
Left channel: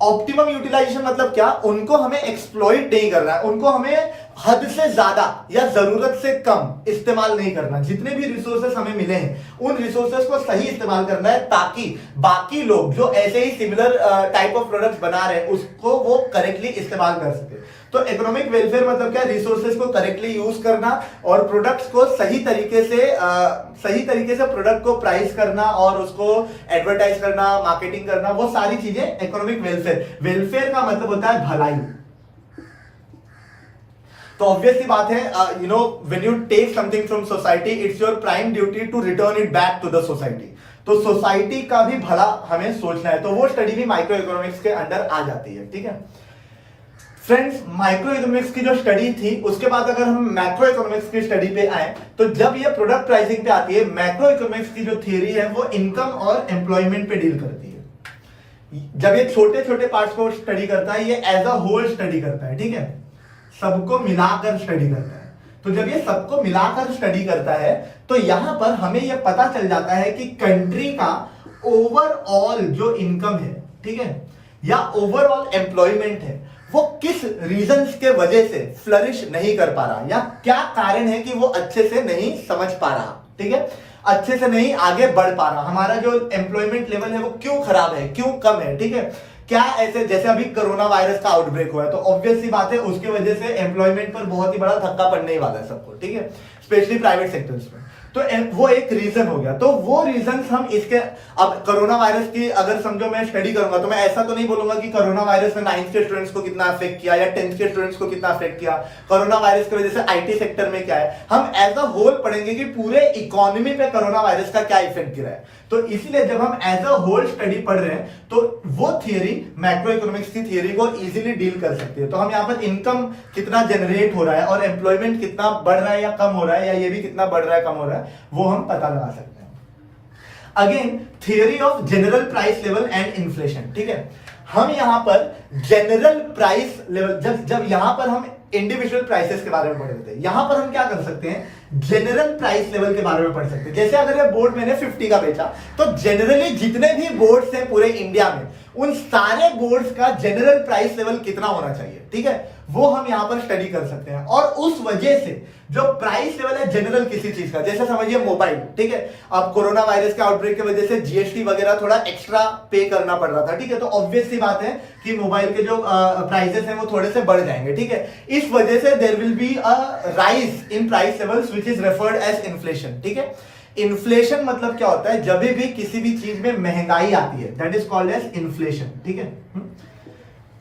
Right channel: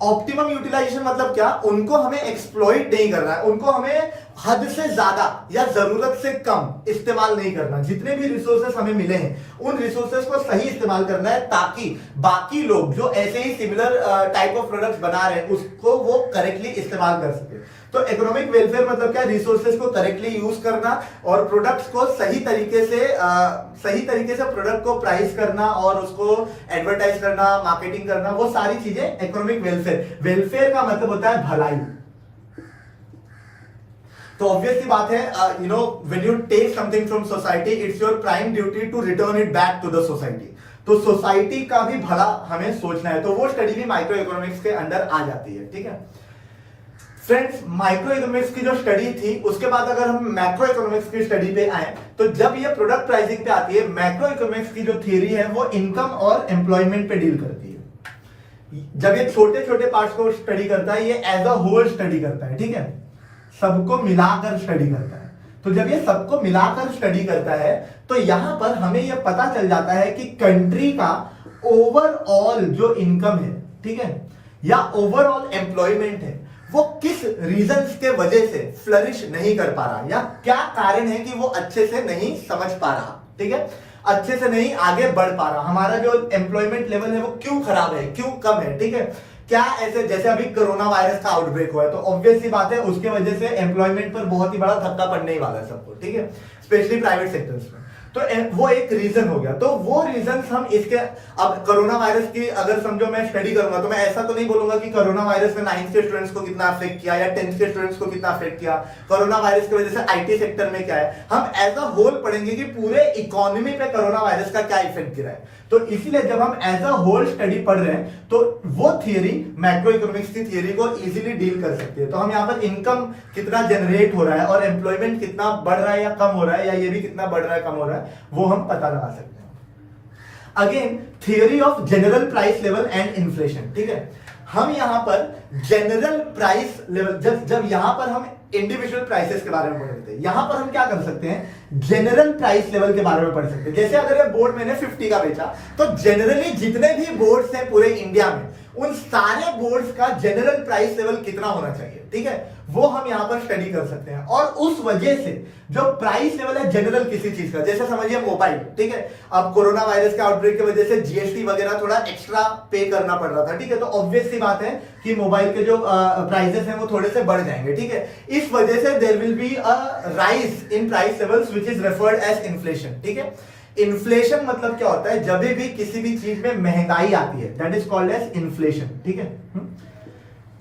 ऑप्टिमम यूटिलाइजेशन मतलब क्या, उनको हमें एक्सप्लॉइट नहीं करना है, उनको हमें हद से ज्यादा या जरूरत से कम इस्तेमाल नहीं करना। जितने भी रिसोर्सेस हमें मिले हैं उन रिसोर्सेस को सही इस्तेमाल करना है ताकि बाकी लोग जो ऐसे ही सिमिलर टाइप ऑफ प्रोडक्ट्स बना रहे हैं उसको वो करेक्टली इस्तेमाल कर सके। तो इकोनॉमिक वेलफेयर मतलब क्या, रिसोर्सेस को करेक्टली यूज करना और प्रोडक्ट्स को सही तरीके से प्रोडक्ट को प्राइस करना और उसको एडवर्टाइज करना, मार्केटिंग करना, वो सारी चीजें इकोनॉमिक वेलफेयर। वेलफेयर का मतलब होता है भलाई। तो ऑब्वियसली बात है, when you take something from society, it's your prime duty to return it back to the society. तो सोसाइटी का भी भला हमें सोचना है, तो वो स्टडी भी माइक्रो इकोनॉमिक्स के अंडर आ जाती है, ठीक है। फ्रेंड्स, माइक्रो इकोनॉमिक्स की जो स्टडी थी उसके बाद अगर हम मैक्रो इकोनॉमिक्स की स्टडी पे आए तो जब ये प्रोडक्ट प्राइसिंग पे आती है, मैक्रो इकोनॉमिक्स की जो थ्योरी है वो इनकम और एम्प्लॉयमेंट पे डील करती है। जब ये छोटे छोटे पार्ट्स को स्टडी करता है, ये एज अ होल स्टडी करता है, ठीक है, सबको मिलाकर स्टडी करता है। तो जब ये सबको मिलाकर स्टडी करता है तो यहां पर हमें यह पता चल जाता है कि कंट्री का ओवरऑल जो इनकम है, ठीक है, या ओवरऑल एम्प्लॉयमेंट है, वो किस रीजंस के वजह से फ्लरिश नहीं कर पा रहा, या क्या कारण है कि वो अच्छे से नहीं समझ पा रहा, ठीक है, अच्छे से नहीं आगे बढ़ पा रहा, हमारा जो एम्प्लॉयमेंट लेवल है वो क्यों खराब है, क्यों कम है, ठीक है। क्या ऐसे, जैसे अभी कोरोना वायरस का आउटब्रेक हुआ है तो ऑब्वियस सी बात है उसके वजह से एम्प्लॉयमेंट पर बहुत ही बड़ा धक्का पड़ने ही वाला है सबको, ठीक है, स्पेशली प्राइवेट सेक्टर्स में। तो वो एक रीजन हो गया। तो वो रीजन हम इसके, अब कोरोना वायरस की अगर समझो मैं स्टडी करूंगा तो मैं ऐसा तो नहीं बोलूंगा कि कोरोना वायरस ने 9th के स्टूडेंट्स को कितना अफेक्ट किया या 10th के स्टूडेंट्स को कितना अफेक्ट किया, कोरोना वायरस की वजह से आईटी सेक्टर में क्या है। हम एज अ होल पढ़ेंगे कि पूरे इकोनॉमी पे कोरोना वायरस का क्या इफेक्ट गिरा है। तो इसीलिए जब हम एज अ होल स्टडी पढ़ रहे हैं तो वो थियरी मैक्रो इकोनॉमिक्स की थियरी को इजीली डील कर सकती है। तो हम यहाँ पर इनकम कितना जनरेट हो रहा है और एम्प्लॉयमेंट कितना बढ़ रहा है या कम हो रहा है, या ये भी कितना बढ़ रहा है कम हो रहा है, वो हम पता लगा सकते हैं। Again theory of general price level and inflation, ठीक है। हम यहां पर जनरल प्राइस लेवल, जब यहां पर हम इंडिविजुअल प्राइसेस के बारे में पढ़ रहे थे, यहां पर हम क्या कर सकते हैं, जनरल प्राइस लेवल के बारे में पढ़ सकते हैं। जैसे अगर ये बोर्ड मैंने 50 का बेचा तो जनरली जितने भी बोर्ड्स हैं पूरे इंडिया में उन सारे बोर्ड्स का जनरल प्राइस लेवल कितना होना चाहिए, ठीक है, वो हम यहां पर स्टडी कर सकते हैं। और उस वजह से जो प्राइस लेवल है जनरल किसी चीज का, जैसे समझिए मोबाइल, ठीक है, अब कोरोना वायरस के आउटब्रेक की वजह से जीएसटी वगैरह थोड़ा एक्स्ट्रा पे करना पड़ रहा था, ठीक है, तो ऑब्वियस सी बात है कि मोबाइल के जो प्राइसेस हैं वो थोड़े से बढ़ जाएंगे, ठीक है। इस वजह से there will be a rise in price levels which is referred as inflation, ठीक है। इन्फ्लेशन मतलब क्या होता है, जब भी किसी भी चीज में महंगाई आती है, that is called as inflation, ठीक है।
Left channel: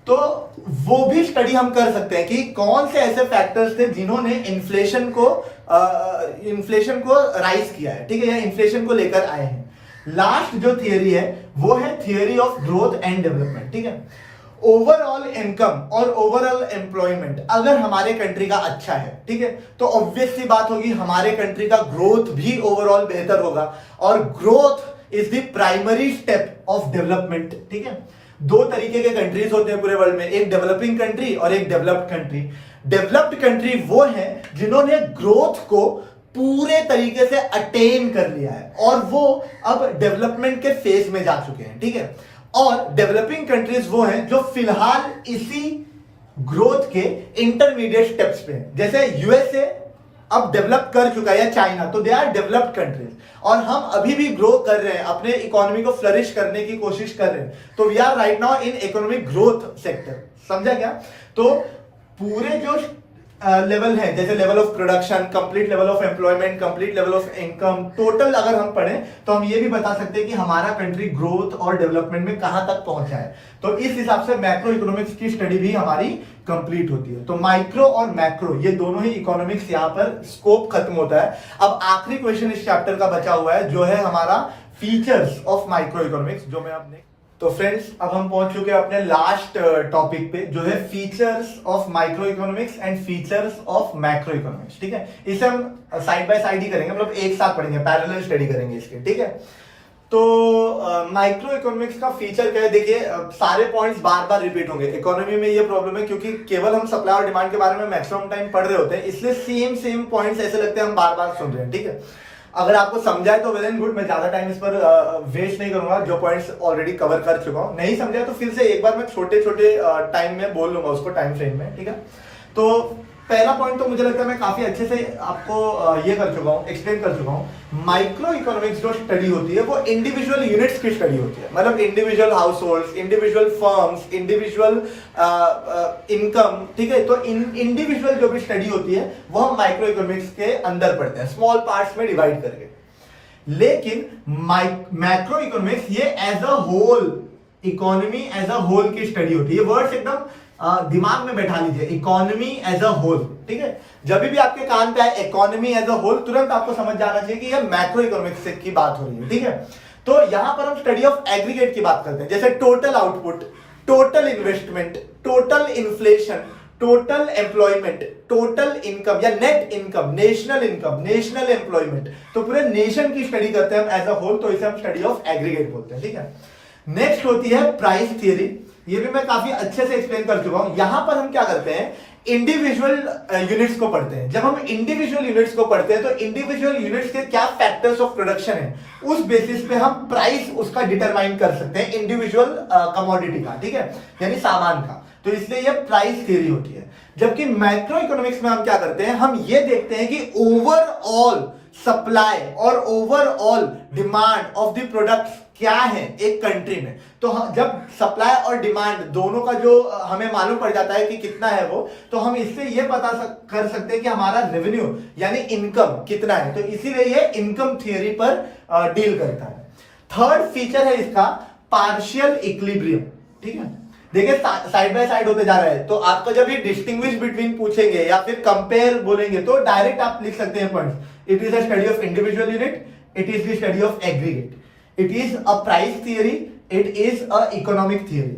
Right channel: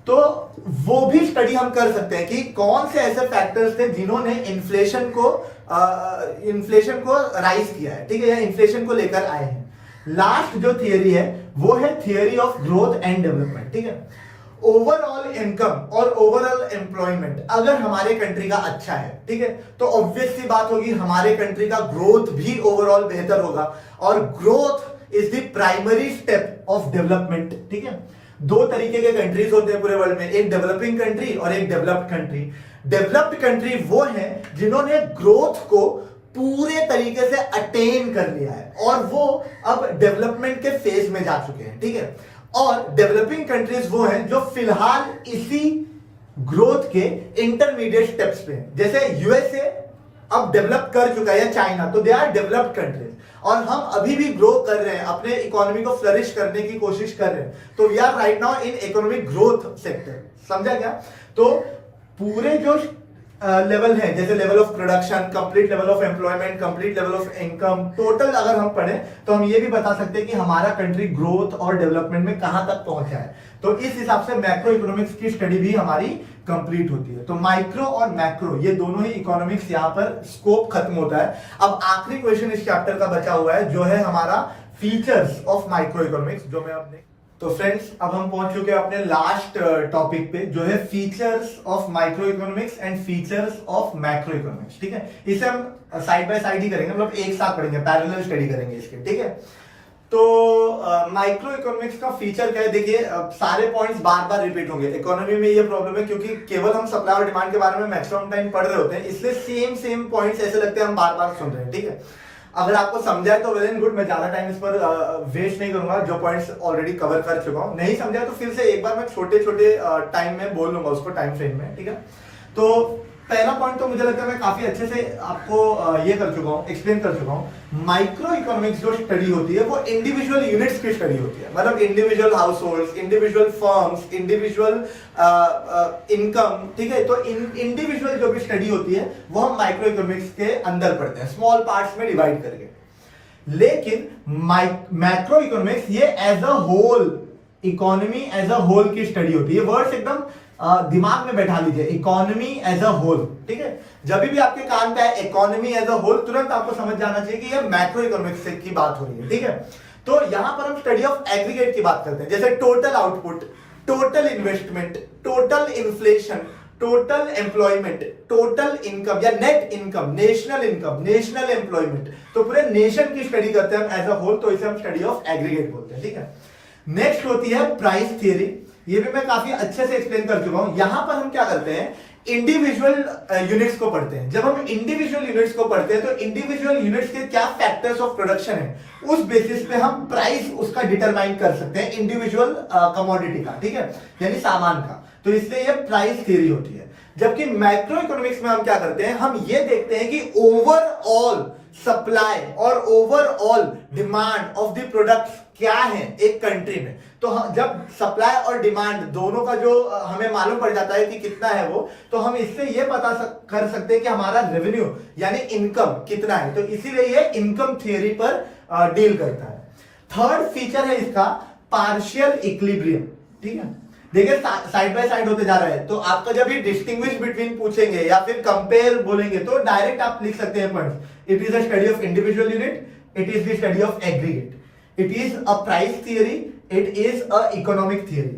तो वो भी स्टडी हम कर सकते हैं कि कौन से ऐसे फैक्टर्स थे जिन्होंने इन्फ्लेशन को राइज किया है, ठीक है, या इन्फ्लेशन को लेकर आए हैं। लास्ट जो थियरी है वो है theory of growth and development, ठीक है। ओवरऑल इनकम और ओवरऑल एम्प्लॉयमेंट अगर हमारे कंट्री का अच्छा है, ठीक है, तो ऑब्वियस सी बात होगी हमारे कंट्री का ग्रोथ भी ओवरऑल बेहतर होगा, और growth is the primary step of development, ठीक है। दो तरीके के कंट्रीज होते हैं पूरे वर्ल्ड में, एक डेवलपिंग कंट्री और एक डेवलप्ड कंट्री। डेवलप्ड कंट्री वो है जिन्होंने ग्रोथ को पूरे तरीके से अटेन कर लिया है और वो अब डेवलपमेंट के फेज में जा चुके हैं, ठीक है। और डेवलपिंग कंट्रीज वो हैं जो फिलहाल इसी ग्रोथ के इंटरमीडिएट स्टेप्स पे हैं। जैसे यूएसए अब डेवलप कर चुका है, या चाइना, तो दे आर डेवलप्ड कंट्रीज, और हम अभी भी ग्रो कर रहे हैं, अपने इकोनॉमी को फ्लरिश करने की कोशिश कर रहे हैं। तो we are right now in economic growth sector, समझा क्या। तो पूरे जो लेवल है, जैसे level of production, complete level of employment, complete level of income, total अगर हम पढ़ें तो हम ये भी बता सकते हैं कि हमारा कंट्री ग्रोथ और डेवलपमेंट में कहां तक पहुंचा है। तो इस हिसाब से मैक्रो इकोनॉमिक्स की स्टडी भी हमारी कंप्लीट होती है। तो माइक्रो और मैक्रो ये दोनों ही इकोनॉमिक्स यहां पर स्कोप खत्म होता है। अब आखिरी क्वेश्चन इस चैप्टर का बचा हुआ है जो है हमारा फीचर्स ऑफ माइक्रो इकोनॉमिक्स, जो मैं अपने तो फ्रेंड्स अब हम पहुंच चुके हैं अपने लास्ट टॉपिक पे, जो है features of micro economics and features of macro economics, ठीक है। इसे हम साइड बाय साइड ही करेंगे, मतलब एक साथ पढ़ेंगे, पैरेलल स्टडी करेंगे इसके, ठीक है। तो माइक्रो इकोनॉमिक्स का फीचर क्या है, देखिए सारे पॉइंट्स बार बार रिपीट होंगे। इकोनॉमी में ये प्रॉब्लम है क्योंकि केवल हम सप्लाई और डिमांड के बारे में मैक्सिमम टाइम पढ़ रहे होते हैं, इसलिए सेम पॉइंट्स ऐसे लगते हैं हम बार बार सुन रहे हैं, ठीक है। अगर आपको समझाए तो वेल एंड गुड, मैं ज्यादा टाइम इस पर वेस्ट नहीं करूंगा, जो पॉइंट्स ऑलरेडी कवर कर चुका हूं। नहीं समझाए तो फिर से एक बार मैं छोटे छोटे टाइम में बोल लूंगा उसको, टाइम फ्रेम में, ठीक है। तो पहला पॉइंट तो मुझे लगता है मैं काफी अच्छे से आपको ये कर चुका हूं, एक्सप्लेन कर चुका हूं। माइक्रो इकोनॉमिक्स जो स्टडी होती है वो इंडिविजुअल यूनिट्स की स्टडी होती है, मतलब individual households, individual firms, individual income, ठीक है। तो इंडिविजुअल जो भी स्टडी होती है वो हम माइक्रो इकोनॉमिक्स के अंदर पढ़ते हैं, स्मॉल पार्ट्स में डिवाइड करके। लेकिन मैक्रो इकोनॉमिक्स ये as a whole, economy as a whole की स्टडी होती है। वर्ड्स एकदम दिमाग में बैठा लीजिए, इकोनॉमी एज अ होल, ठीक है। जब भी आपके कान पे आए इकोनॉमी एज अ होल, तुरंत आपको समझ जाना चाहिए कि ये मैक्रो इकोनॉमिक्स की बात हो रही है, ठीक है। तो यहां पर हम स्टडी ऑफ एग्रीगेट की बात करते हैं, जैसे total output, total investment, total inflation, total employment, total income या net income, national income, national employment. तो पूरे नेशन की स्टडी करते हैं हम एज अ होल, तो इसे हम स्टडी ऑफ एग्रीगेट बोलते हैं, ठीक है। नेक्स्ट होती है प्राइस थियरी, ये भी मैं काफी अच्छे से एक्सप्लेन कर चुका हूं। यहां पर हम क्या करते हैं, इंडिविजुअल यूनिट्स को पढ़ते हैं। जब हम इंडिविजुअल यूनिट्स को पढ़ते हैं तो इंडिविजुअल यूनिट्स के क्या फैक्टर्स ऑफ प्रोडक्शन है, उस बेसिस पे हम प्राइस उसका डिटरमाइन कर सकते हैं, इंडिविजुअल कमोडिटी का, ठीक है, यानी सामान का। तो इसलिए ये प्राइस थियरी होती है। जबकि माइक्रो इकोनॉमिक्स में हम क्या करते हैं, हम ये देखते हैं कि ओवरऑल सप्लाई और overall demand of the products क्या है एक कंट्री में। तो जब सप्लाई और डिमांड दोनों का जो हमें मालूम पड़ जाता है कि कितना है वो, तो हम इससे ये पता कर सकते हैं कि हमारा रेवेन्यू यानी इनकम कितना है। तो इसीलिए ये इनकम थियरी पर डील करता है। थर्ड फीचर है इसका पार्शियल इक्विलिब्रियम, ठीक है। देखिए साइड बाय साइड होते जा रहा है, तो आपको जब ये डिस्टिंग्विश बिटवीन पूछेंगे या फिर कंपेयर बोलेंगे तो डायरेक्ट आप लिख सकते हैं points. It is a study of individual unit, it is the study of aggregate, it is a price theory, it is a economic theory.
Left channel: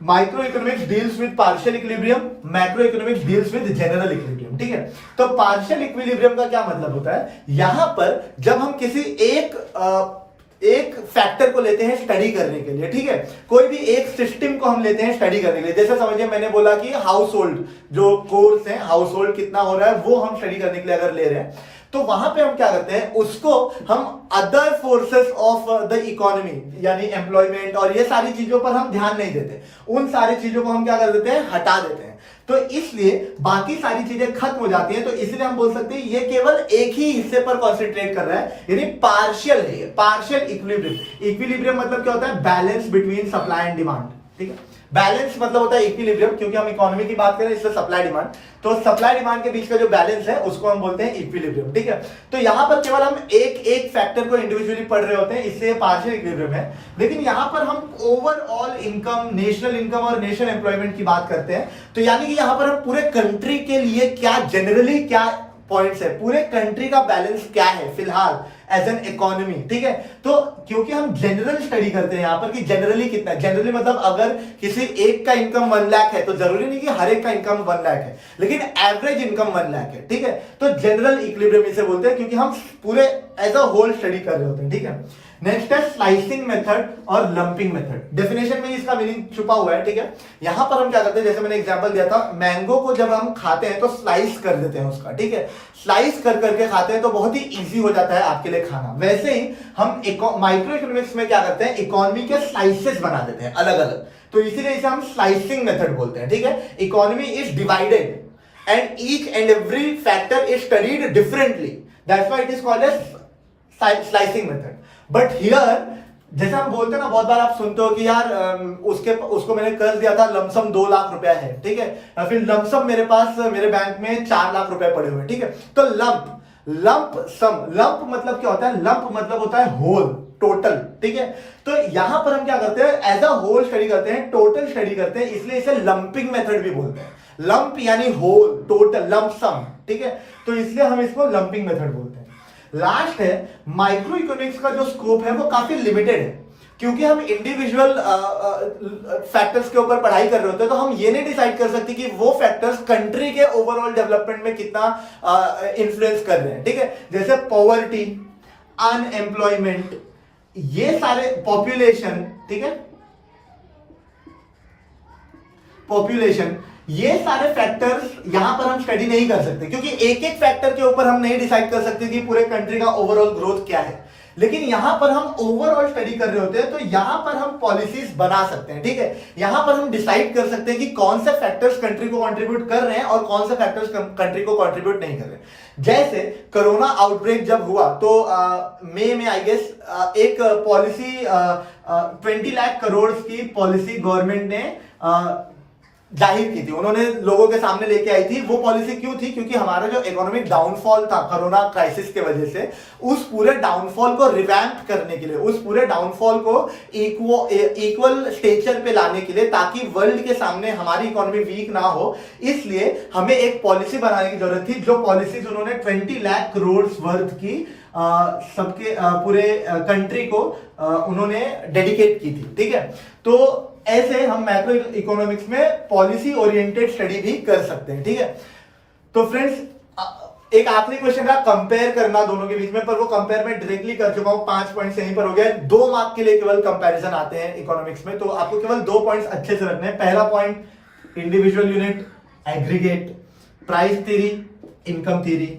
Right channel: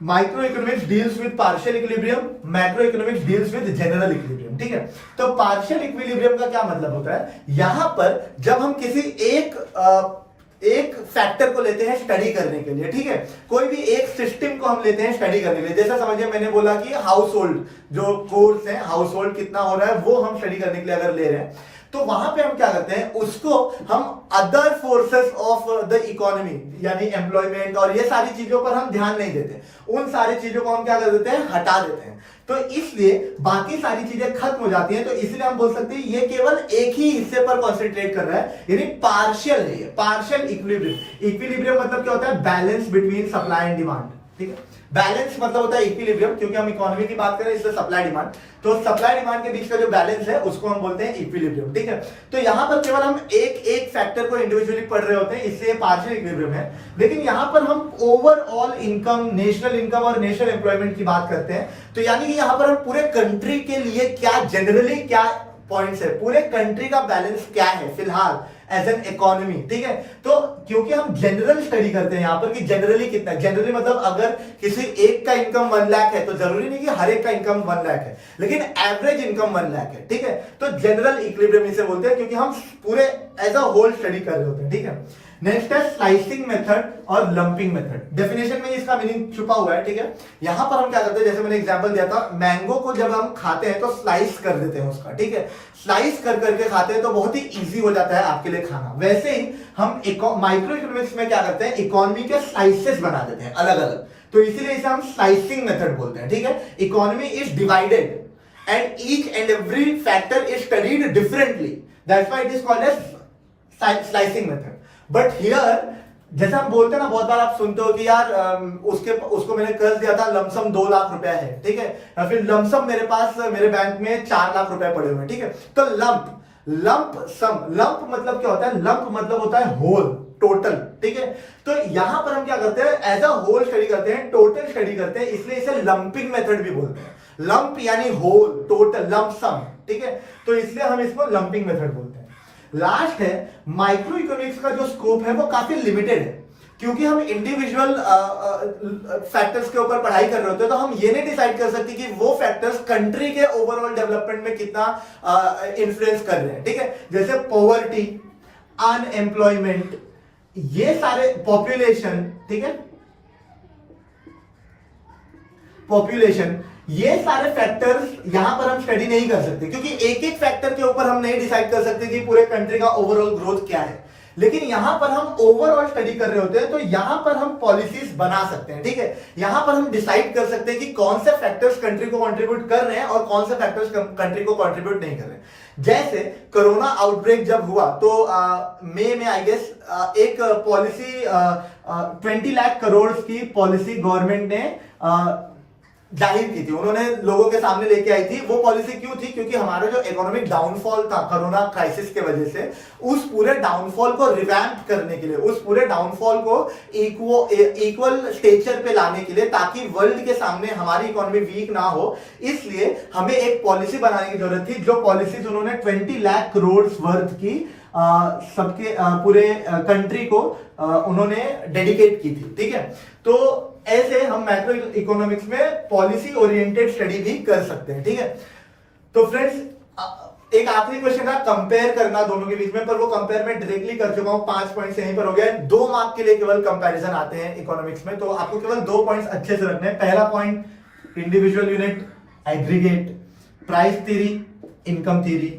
Microeconomics deals with partial equilibrium, macroeconomics deals with general equilibrium, ठीक है। तो partial equilibrium का क्या मतलब होता है, यहां पर जब हम किसी एक फैक्टर को लेते हैं स्टडी करने के लिए, ठीक है। कोई भी एक सिस्टम को हम लेते हैं स्टडी करने के लिए। जैसे समझिए मैंने बोला कि हाउस होल्ड जो कोर्स है, हाउस होल्ड कितना हो रहा है वो हम स्टडी करने के लिए अगर ले रहे हैं, तो वहां पे हम क्या करते हैं, उसको हम other forces of the economy यानी एम्प्लॉयमेंट और ये सारी चीजों पर हम ध्यान नहीं देते। उन सारी चीजों को हम क्या कर देते हैं, हटा देते हैं। तो इसलिए बाकी सारी चीजें खत्म हो जाती हैं। तो इसलिए हम बोल सकते हैं ये केवल एक ही हिस्से पर कॉन्सेंट्रेट कर रहा है, यानी पार्शियल है ये, पार्शियल इक्विलिब्रियम। इक्विलिब्रियम मतलब क्या होता है, balance between supply and demand, ठीक है। बैलेंस मतलब होता है इक्विलिब्रियम, क्योंकि हम इकोनॉमी की बात करें इसलिए सप्लाई डिमांड, तो सप्लाई डिमांड के बीच का जो बैलेंस है उसको हम बोलते हैं इक्विलिब्रियम, ठीक है। तो यहां पर केवल हम एक एक फैक्टर को इंडिविजुअली पढ़ रहे होते हैं, इससे पार्शियल इक्विलिब्रियम है। लेकिन यहां पर हम ओवरऑल इनकम, नेशनल इनकम और नेशनल एम्प्लॉयमेंट की बात करते हैं, तो यानी कि यहां पर हम पूरे कंट्री के लिए क्या जनरली क्या पॉइंट्स है, पूरे कंट्री का बैलेंस क्या है फिलहाल एज एन इकोनॉमी, ठीक है। तो क्योंकि हम जनरल स्टडी करते हैं यहां पर कि जनरली कितना है, जनरली मतलब अगर किसी एक का इनकम 1 लाख है तो जरूरी नहीं कि हर एक का इनकम 1 लाख है, लेकिन एवरेज इनकम 1 लाख है, ठीक है। तो जनरल इक्विलिब्रियम इसे बोलते हैं, क्योंकि हम पूरे एज अ होल स्टडी कर रहे होते हैं, ठीक है। नेक्स्ट है स्लाइसिंग मेथड और लंपिंग मेथड। डेफिनेशन में इसका मीनिंग छुपा हुआ है, ठीक है। यहां पर हम क्या करते हैं, जैसे मैंने एग्जांपल दिया था, मैंगो को जब हम खाते हैं तो स्लाइस कर देते हैं उसका, ठीक है। स्लाइस कर करके खाते हैं तो बहुत ही इजी हो जाता है आपके लिए खाना। वैसे ही हम माइक्रो इकोनॉमिक्स में क्या करते हैं, इकोनॉमी के स्लाइसेस बना देते हैं अलग अलग, तो इसीलिए इसे हम स्लाइसिंग मेथड बोलते हैं, ठीक है। Economy is divided and each and every factor is studied differently, that's why it is called as slicing method. But here जैसा हम बोलते हैं ना, बहुत बार आप सुनते हो कि यार उसको मैंने कर्ज दिया था, लमसम 2 लाख रुपया है, ठीक है, फिर लमसम मेरे पास मेरे बैंक में 4 लाख रुपए पड़े हुए हैं, ठीक है। तो लंप सम, लंप मतलब क्या होता है, लंप मतलब होता है होल, टोटल, ठीक है। तो यहां पर हम क्या करते हैं, एज अ होल स्टडी करते हैं, टोटल स्टडी करते हैं, इसलिए इसे लंपिंग मेथड भी बोलते हैं। लंप यानी होल, टोटल, लंप सम, ठीक है। तो इसलिए हम इसको लंपिंग मेथड बोलते हैं। लास्ट है माइक्रो इकोनॉमिक्स का जो स्कोप है वो काफी लिमिटेड है, क्योंकि हम इंडिविजुअल फैक्टर्स के ऊपर पढ़ाई कर रहे होते हैं, तो हम ये नहीं डिसाइड कर सकते कि वो फैक्टर्स कंट्री के ओवरऑल डेवलपमेंट में कितना इन्फ्लुएंस कर रहे हैं, ठीक है। जैसे पॉवर्टी, अनएम्प्लॉयमेंट, ये सारे, पॉपुलेशन, ठीक है, पॉपुलेशन, ये सारे फैक्टर्स यहां पर हम स्टडी नहीं कर सकते, क्योंकि एक एक फैक्टर के ऊपर हम नहीं डिसाइड कर सकते कि पूरे कंट्री का ओवरऑल ग्रोथ क्या है। लेकिन यहां पर हम ओवरऑल स्टडी कर रहे होते हैं, तो यहां पर हम पॉलिसीज बना सकते हैं, ठीक है। यहां पर हम डिसाइड कर सकते हैं कि कौन से फैक्टर्स कंट्री को कंट्रीब्यूट कर रहे हैं और कौन से फैक्टर्स कंट्री को कंट्रीब्यूट नहीं कर रहे। जैसे कोरोना आउटब्रेक जब हुआ तो मई में आई गेस एक पॉलिसी 20 लाख करोड़ की पॉलिसी गवर्नमेंट ने जाहिर की थी, उन्होंने लोगों के सामने लेके आई थी। वो पॉलिसी क्यों थी, क्योंकि हमारा जो इकोनॉमिक डाउनफॉल था कोरोना क्राइसिस के वजह से, उस पूरे डाउनफॉल को रिवैम्प करने के लिए, उस पूरे डाउनफॉल को इक्वल स्टेचर पे लाने के लिए, ताकि वर्ल्ड के सामने हमारी इकोनॉमी वीक ना हो, इसलिए हमें एक पॉलिसी बनाने की जरूरत थी। जो पॉलिसीज उन्होंने 20 लाख करोड़ वर्थ की सबके पूरे कंट्री को उन्होंने डेडिकेट की थी, ठीक है। तो ऐसे हम मैक्रो इकोनॉमिक्स में पॉलिसी ओरिएंटेड स्टडी भी कर सकते हैं, ठीक है। तो फ्रेंड्स एक आखिरी क्वेश्चन था कंपेयर करना दोनों के बीच में, पर वो कंपेयर में डायरेक्टली कर चुका हूं, 5 पॉइंट यहीं पर हो गया। 2 मार्क के लिए केवल कंपैरिजन आते हैं इकोनॉमिक्स में, तो आपको केवल 2 पॉइंट्स अच्छे से रखने हैं। पहला point, individual unit, aggregate, price theory, income theory,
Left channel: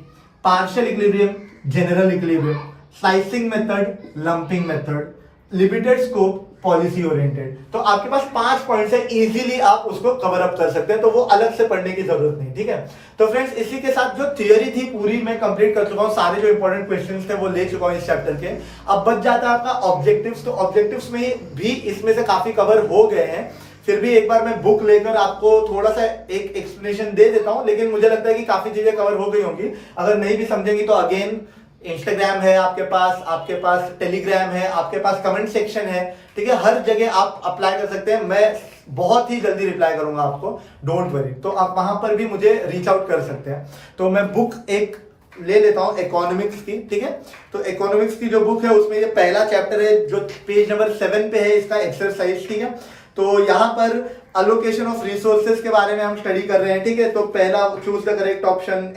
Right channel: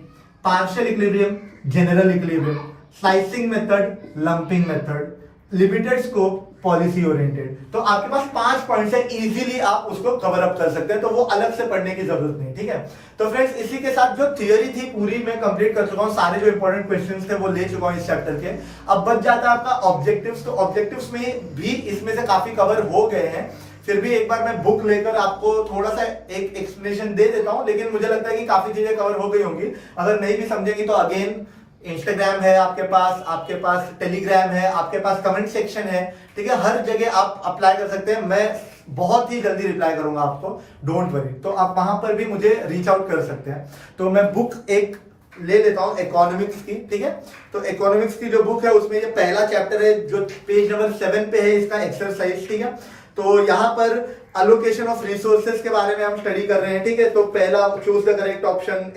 partial equilibrium, general equilibrium, slicing method, lumping method, limited scope, policy oriented. तो आपके पास 5 पॉइंट्स है, इजीली आप उसको कवर अप कर सकते हैं, तो वो अलग से पढ़ने की जरूरत नहीं, ठीक है। तो फ्रेंड्स इसी के साथ जो थियरी थी पूरी मैं कंप्लीट कर चुका हूं, सारे जो इंपॉर्टेंट क्वेश्चंस थे वो ले चुका हूं इस चैप्टर के। अब बच जाता है आपका ऑब्जेक्टिव्स, तो ऑब्जेक्टिव्स में भी इसमें से काफी कवर हो गए हैं। फिर भी एक बार मैं बुक लेकर आपको थोड़ा सा एक एक्सप्लेनेशन दे देता हूं, लेकिन मुझे लगता है कि काफी चीजें कवर हो गई होंगी। अगर नहीं भी समझेंगी तो अगेन इंस्टाग्राम है आपके पास टेलीग्राम है, आपके पास कमेंट सेक्शन है, ठीक है। हर जगह आप अप्लाई कर सकते हैं, मैं बहुत ही जल्दी रिप्लाई करूंगा आपको, डोंट वरी। तो आप वहां पर भी मुझे रीच आउट कर सकते हैं। तो मैं बुक एक ले लेता हूं इकोनॉमिक्स की, ठीक है। तो इकोनॉमिक्स की जो बुक है उसमें ये पहला चैप्टर है जो पेज नंबर 7 पे है, इसका एक्सरसाइज, ठीक है। तो यहां पर अलोकेशन ऑफ रिसोर्सेज के बारे में हम स्टडी कर रहे हैं, ठीक है। तो पहला choose the correct option,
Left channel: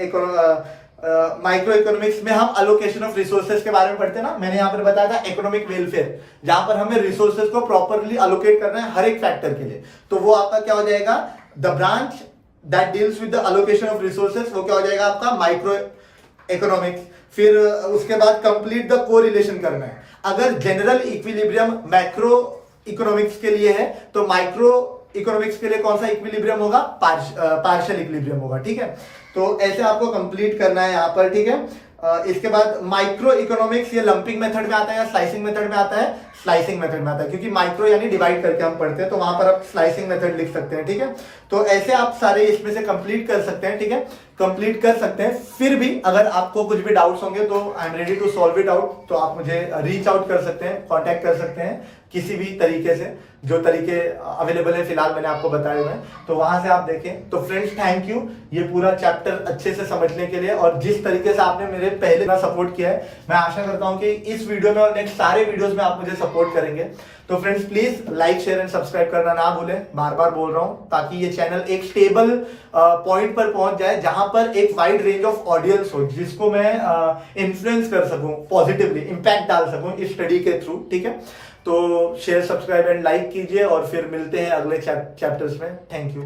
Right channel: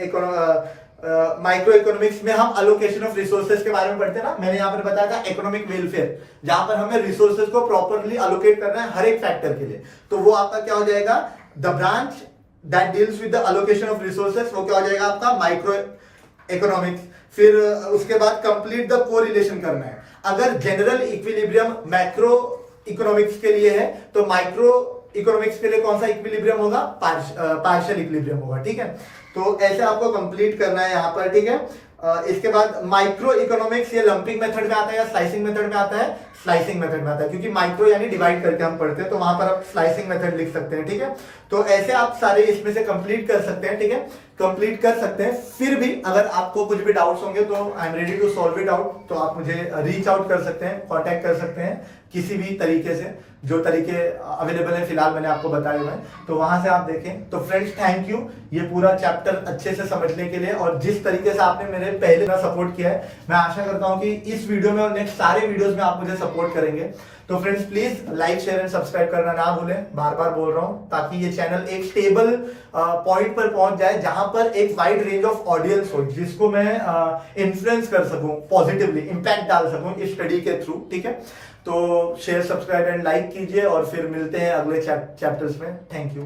micro economics में हम अलोकेशन ऑफ रिसोर्सेज के बारे में पढ़ते हैं ना, मैंने यहाँ पर बताया था इकोनॉमिक वेलफेयर, जहां पर हमें रिसोर्सेज को प्रॉपरली अलोकेट करना है हर एक फैक्टर के लिए। तो वो आपका क्या हो जाएगा, the branch that deals with the allocation of resources, वो क्या हो जाएगा आपका माइक्रो इकोनॉमिक्स। फिर उसके बाद कंप्लीट द कोरिलेशन करना है। अगर जनरल इक्विलिब्रियम मैक्रो इकोनॉमिक्स के लिए है तो माइक्रो इकोनॉमिक्स के लिए कौन सा इक्विलिब्रियम होगा, पार्शियल इक्विलिब्रियम होगा। ठीक है, तो ऐसे आपको कंप्लीट करना है यहाँ पर। ठीक है, इसके बाद माइक्रो इकोनॉमिक्स ये लंपिंग मेथड में आता है या स्लाइसिंग मेथड में आता है, स्लाइसिंग मेथड में आता है, क्योंकि माइक्रो यानी डिवाइड करके हम पढ़ते हैं, तो वहां पर आप स्लाइसिंग मेथड लिख सकते हैं। ठीक है, तो ऐसे आप सारे इसमें से कंप्लीट कर सकते हैं। ठीक है, कंप्लीट कर सकते हैं। फिर भी अगर आपको कुछ भी डाउट्स होंगे तो I am ready to solve it out, तो आप मुझे रीच आउट कर सकते हैं, कांटेक्ट कर सकते हैं किसी भी तरीके से, जो तरीके अवेलेबल है फिलहाल मैंने आपको बताए हुए, तो वहां से आप देखें। तो फ्रेंड्स थैंक यू ये पूरा चैप्टर अच्छे से समझने के लिए, और जिस तरीके से आपने मेरे पहले ना सपोर्ट किया है, मैं आशा करता हूं कि इस वीडियो में और नेक्स्ट सारे वीडियोस में आप मुझे सपोर्ट करेंगे। तो friends please like share and subscribe करना ना भूलें, बार बार बोल रहा हूं, ताकि ये चैनल एक स्टेबल पॉइंट पर पहुंच जाए, जहां पर एक वाइड रेंज ऑफ ऑडियंस हो, जिसको मैं इन्फ्लुएंस कर सकूं, पॉजिटिवली इंपैक्ट डाल सकूं इस स्टडी के थ्रू। ठीक है, तो शेयर सब्सक्राइब एंड लाइक कीजिए, और फिर मिलते हैं अगले चैप्टर्स में। Thank you.